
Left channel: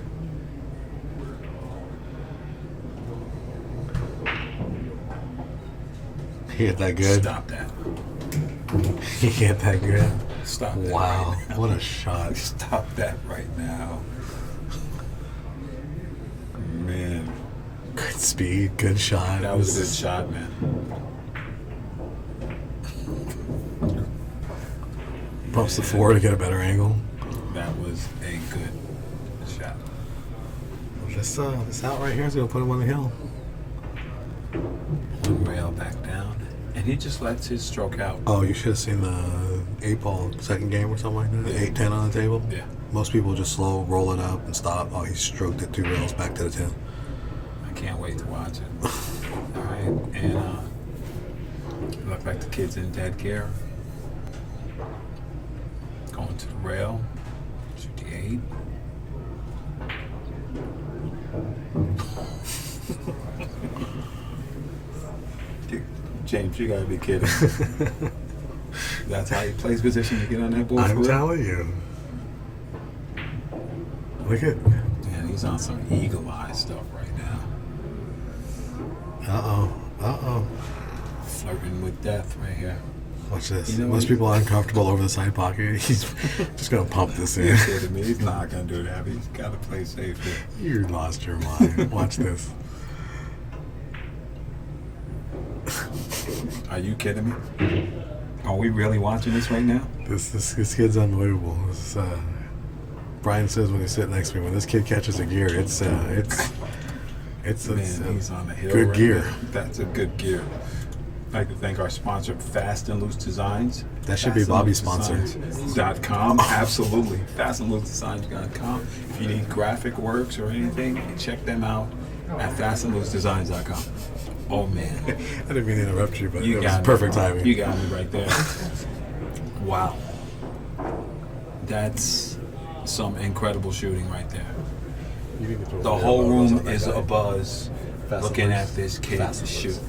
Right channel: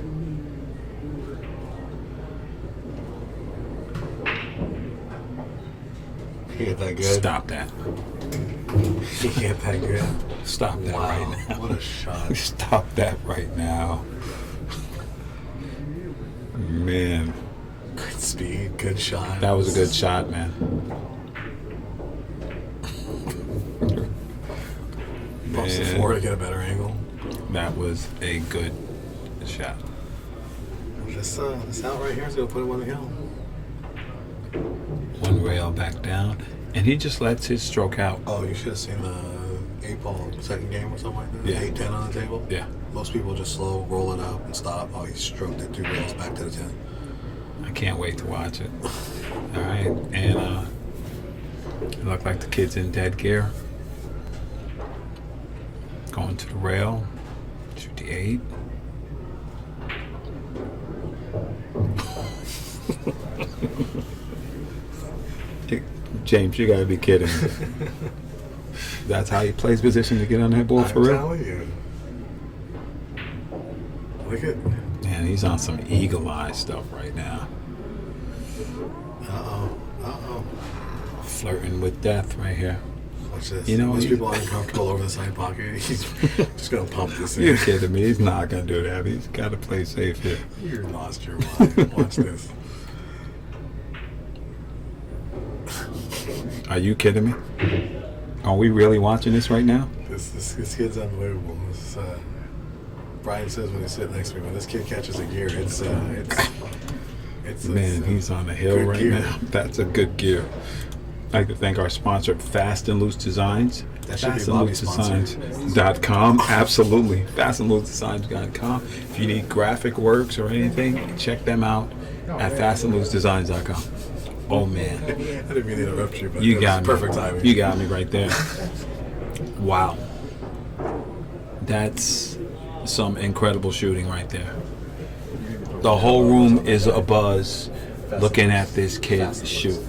He hit that good. Stop that. He hit that good. Stop that Wow. right now. What a shot. Stop that right now. Man, Good speed. Good shot. that was a good shot, man. Bumps the Man. floor to get a better angle. That was a good shot. This out right here is going to put him on the hill. One rail back down, and he just lets his stroke out. Oh, you should have seen the 8-ball second game or something like that. Yeah. 8-10 on the table. Yeah, Most people just slow, roll it up, and stop. Oh, he stroked it 2 rails back to the 10. I can't wait to watch it. All right, and it looked like the kid's in dead gear. Going to the rail, shoot the 8. James, you gotta be kidding. That's how he plays position to get on that ball for I'm real? telling you. Look at. Man, he's on some eagle eye stuff right now. Uh-oh. Flirting with death right here. Watch this. You know, Most he- people are uncomfortable over the side pocket. He's just going to pump this You're in. kidding me. He's not going to do that. He's got to play safe here. You lost your mind. Watch this. Are you kidding me? Are we really watching this right now? This kid's unbelievable. Brian says when he's sitting next to me, when this kid catches a gear, it's Man, he's on the hill good right gear. now. That's a good gear. I'd like to thank our sponsor, Fast and Loose Designs. That should be Bobby's sponsor. .com. Absolutely. FastandLooseDesigns.com. If you need graphic works or anything, check them out at FastandLooseDesigns.com. Oh, man. I didn't mean to interrupt you, but You it got was me. perfect timing. You got me right there. Wow. That's some incredible shooting right there. The whole room is abuzz looking at this kid shoot.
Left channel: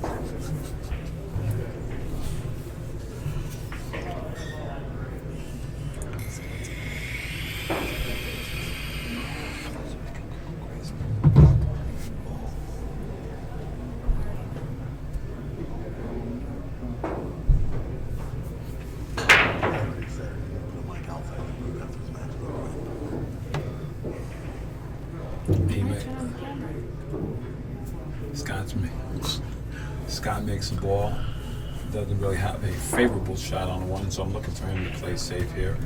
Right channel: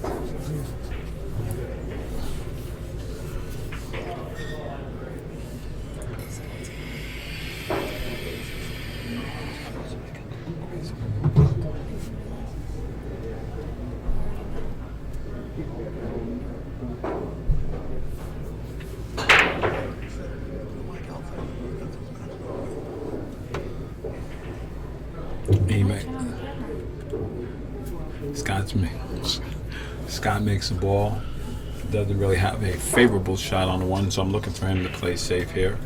He make, Scott makes the ball. Doesn't really have a favorable shot on the one, so I'm looking for him to play safe here.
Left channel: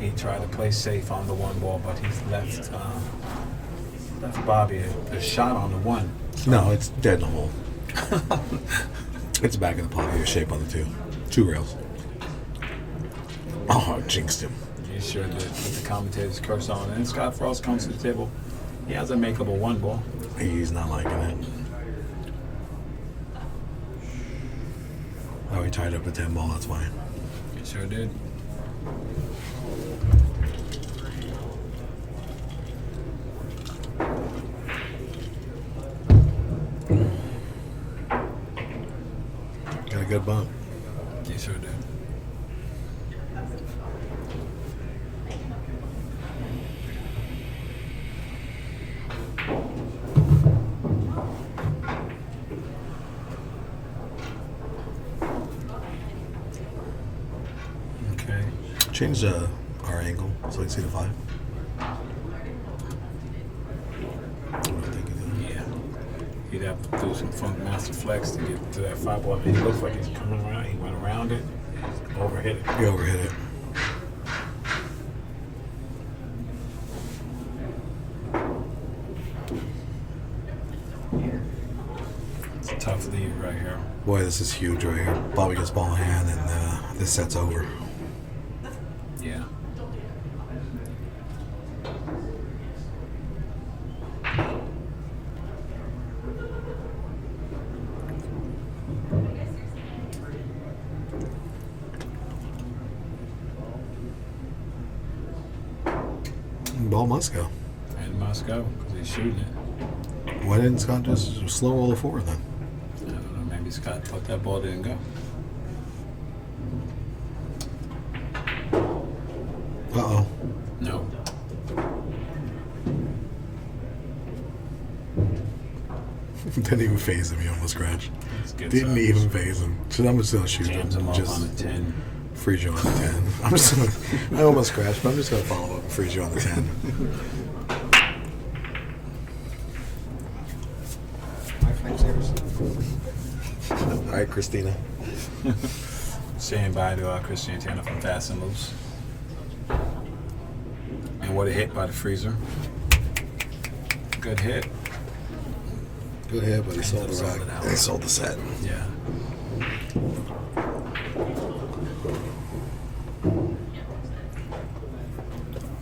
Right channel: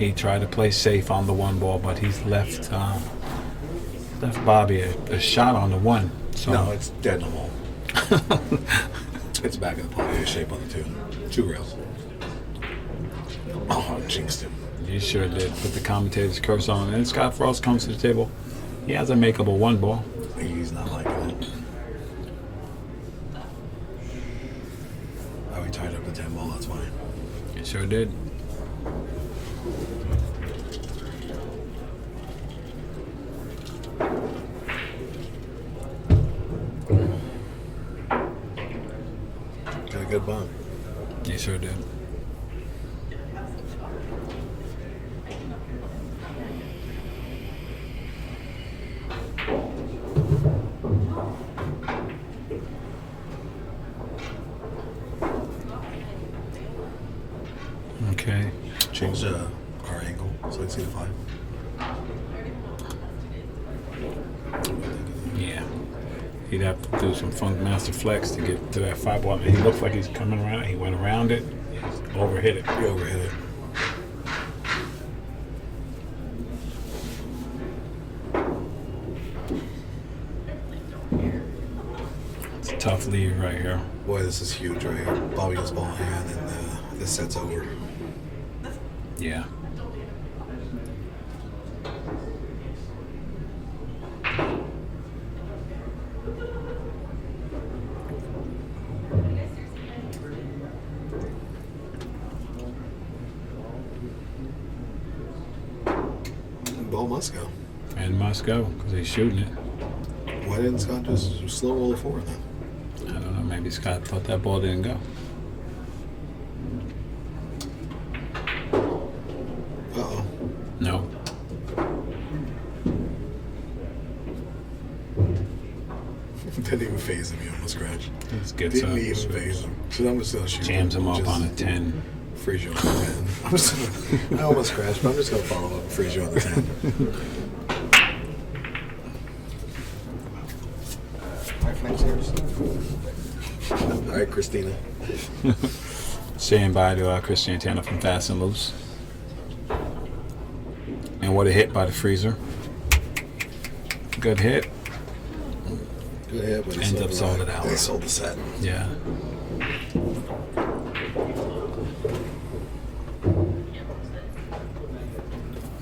He tried to play safe on the one ball, but he's left Bobby a shot on the one. So No, it's dead in the hole. It's back in the pocket. Shape on the two. 2 rails. Oh, I jinxed him. you sure did put the commentator's curse on. And Scott Frost comes to the table. He has a makeable one ball. He's not liking it. Oh, he tied up a 10 ball. That's fine. He sure did. Got a good bump. He sure did. Okay. Change our angle so we can see the 5. Yeah. He'd have to do some funk master flex to get to that 5 ball. He looks like he's coming around. He went around it, overhit it. He overhit it. It's a tough lead right here. Boy, this is huge right here. Bobby gets ball in hand, and this set's over. Yeah. Ball must go. And must go because he's shooting it. Why didn't Scott just slow roll it forward then? I don't know. Maybe Scott thought that ball didn't go. Uh-oh. No. Didn't even phase him. He almost scratched. Let's get Didn't some. even phase him. So I'm just going to shoot Jams him up Just on a 10. freeze you on the 10. I'm just gonna, I almost scratched, but I'm just going to follow up and freeze you on the 10. All right, Christina. Saying bye to Christian Tanner from Fast and Loose. And what a hit by the freezer. Good hit. Good hit, but he Ends sold up it sold out. it out. They sold the set. Yeah.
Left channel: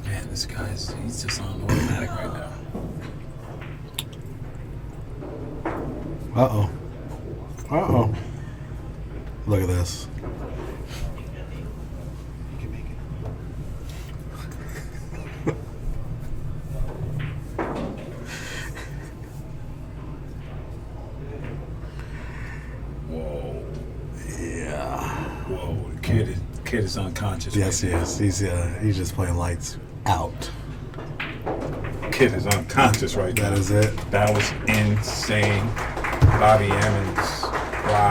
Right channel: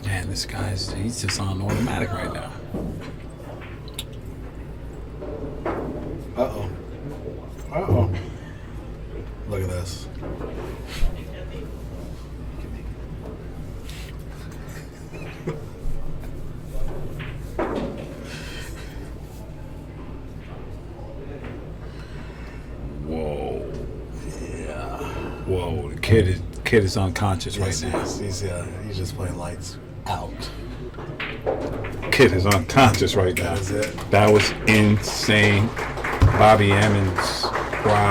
Man, this guy's, he's just on automatic right now. Uh-oh. Uh-oh. Look at this. You can make it. Whoa. Yeah. Whoa. The kid is unconscious Yes, right now. yes. He's just playing lights out. Kid is unconscious right now. That is it. That was insane. Bobby Emmons. Wow.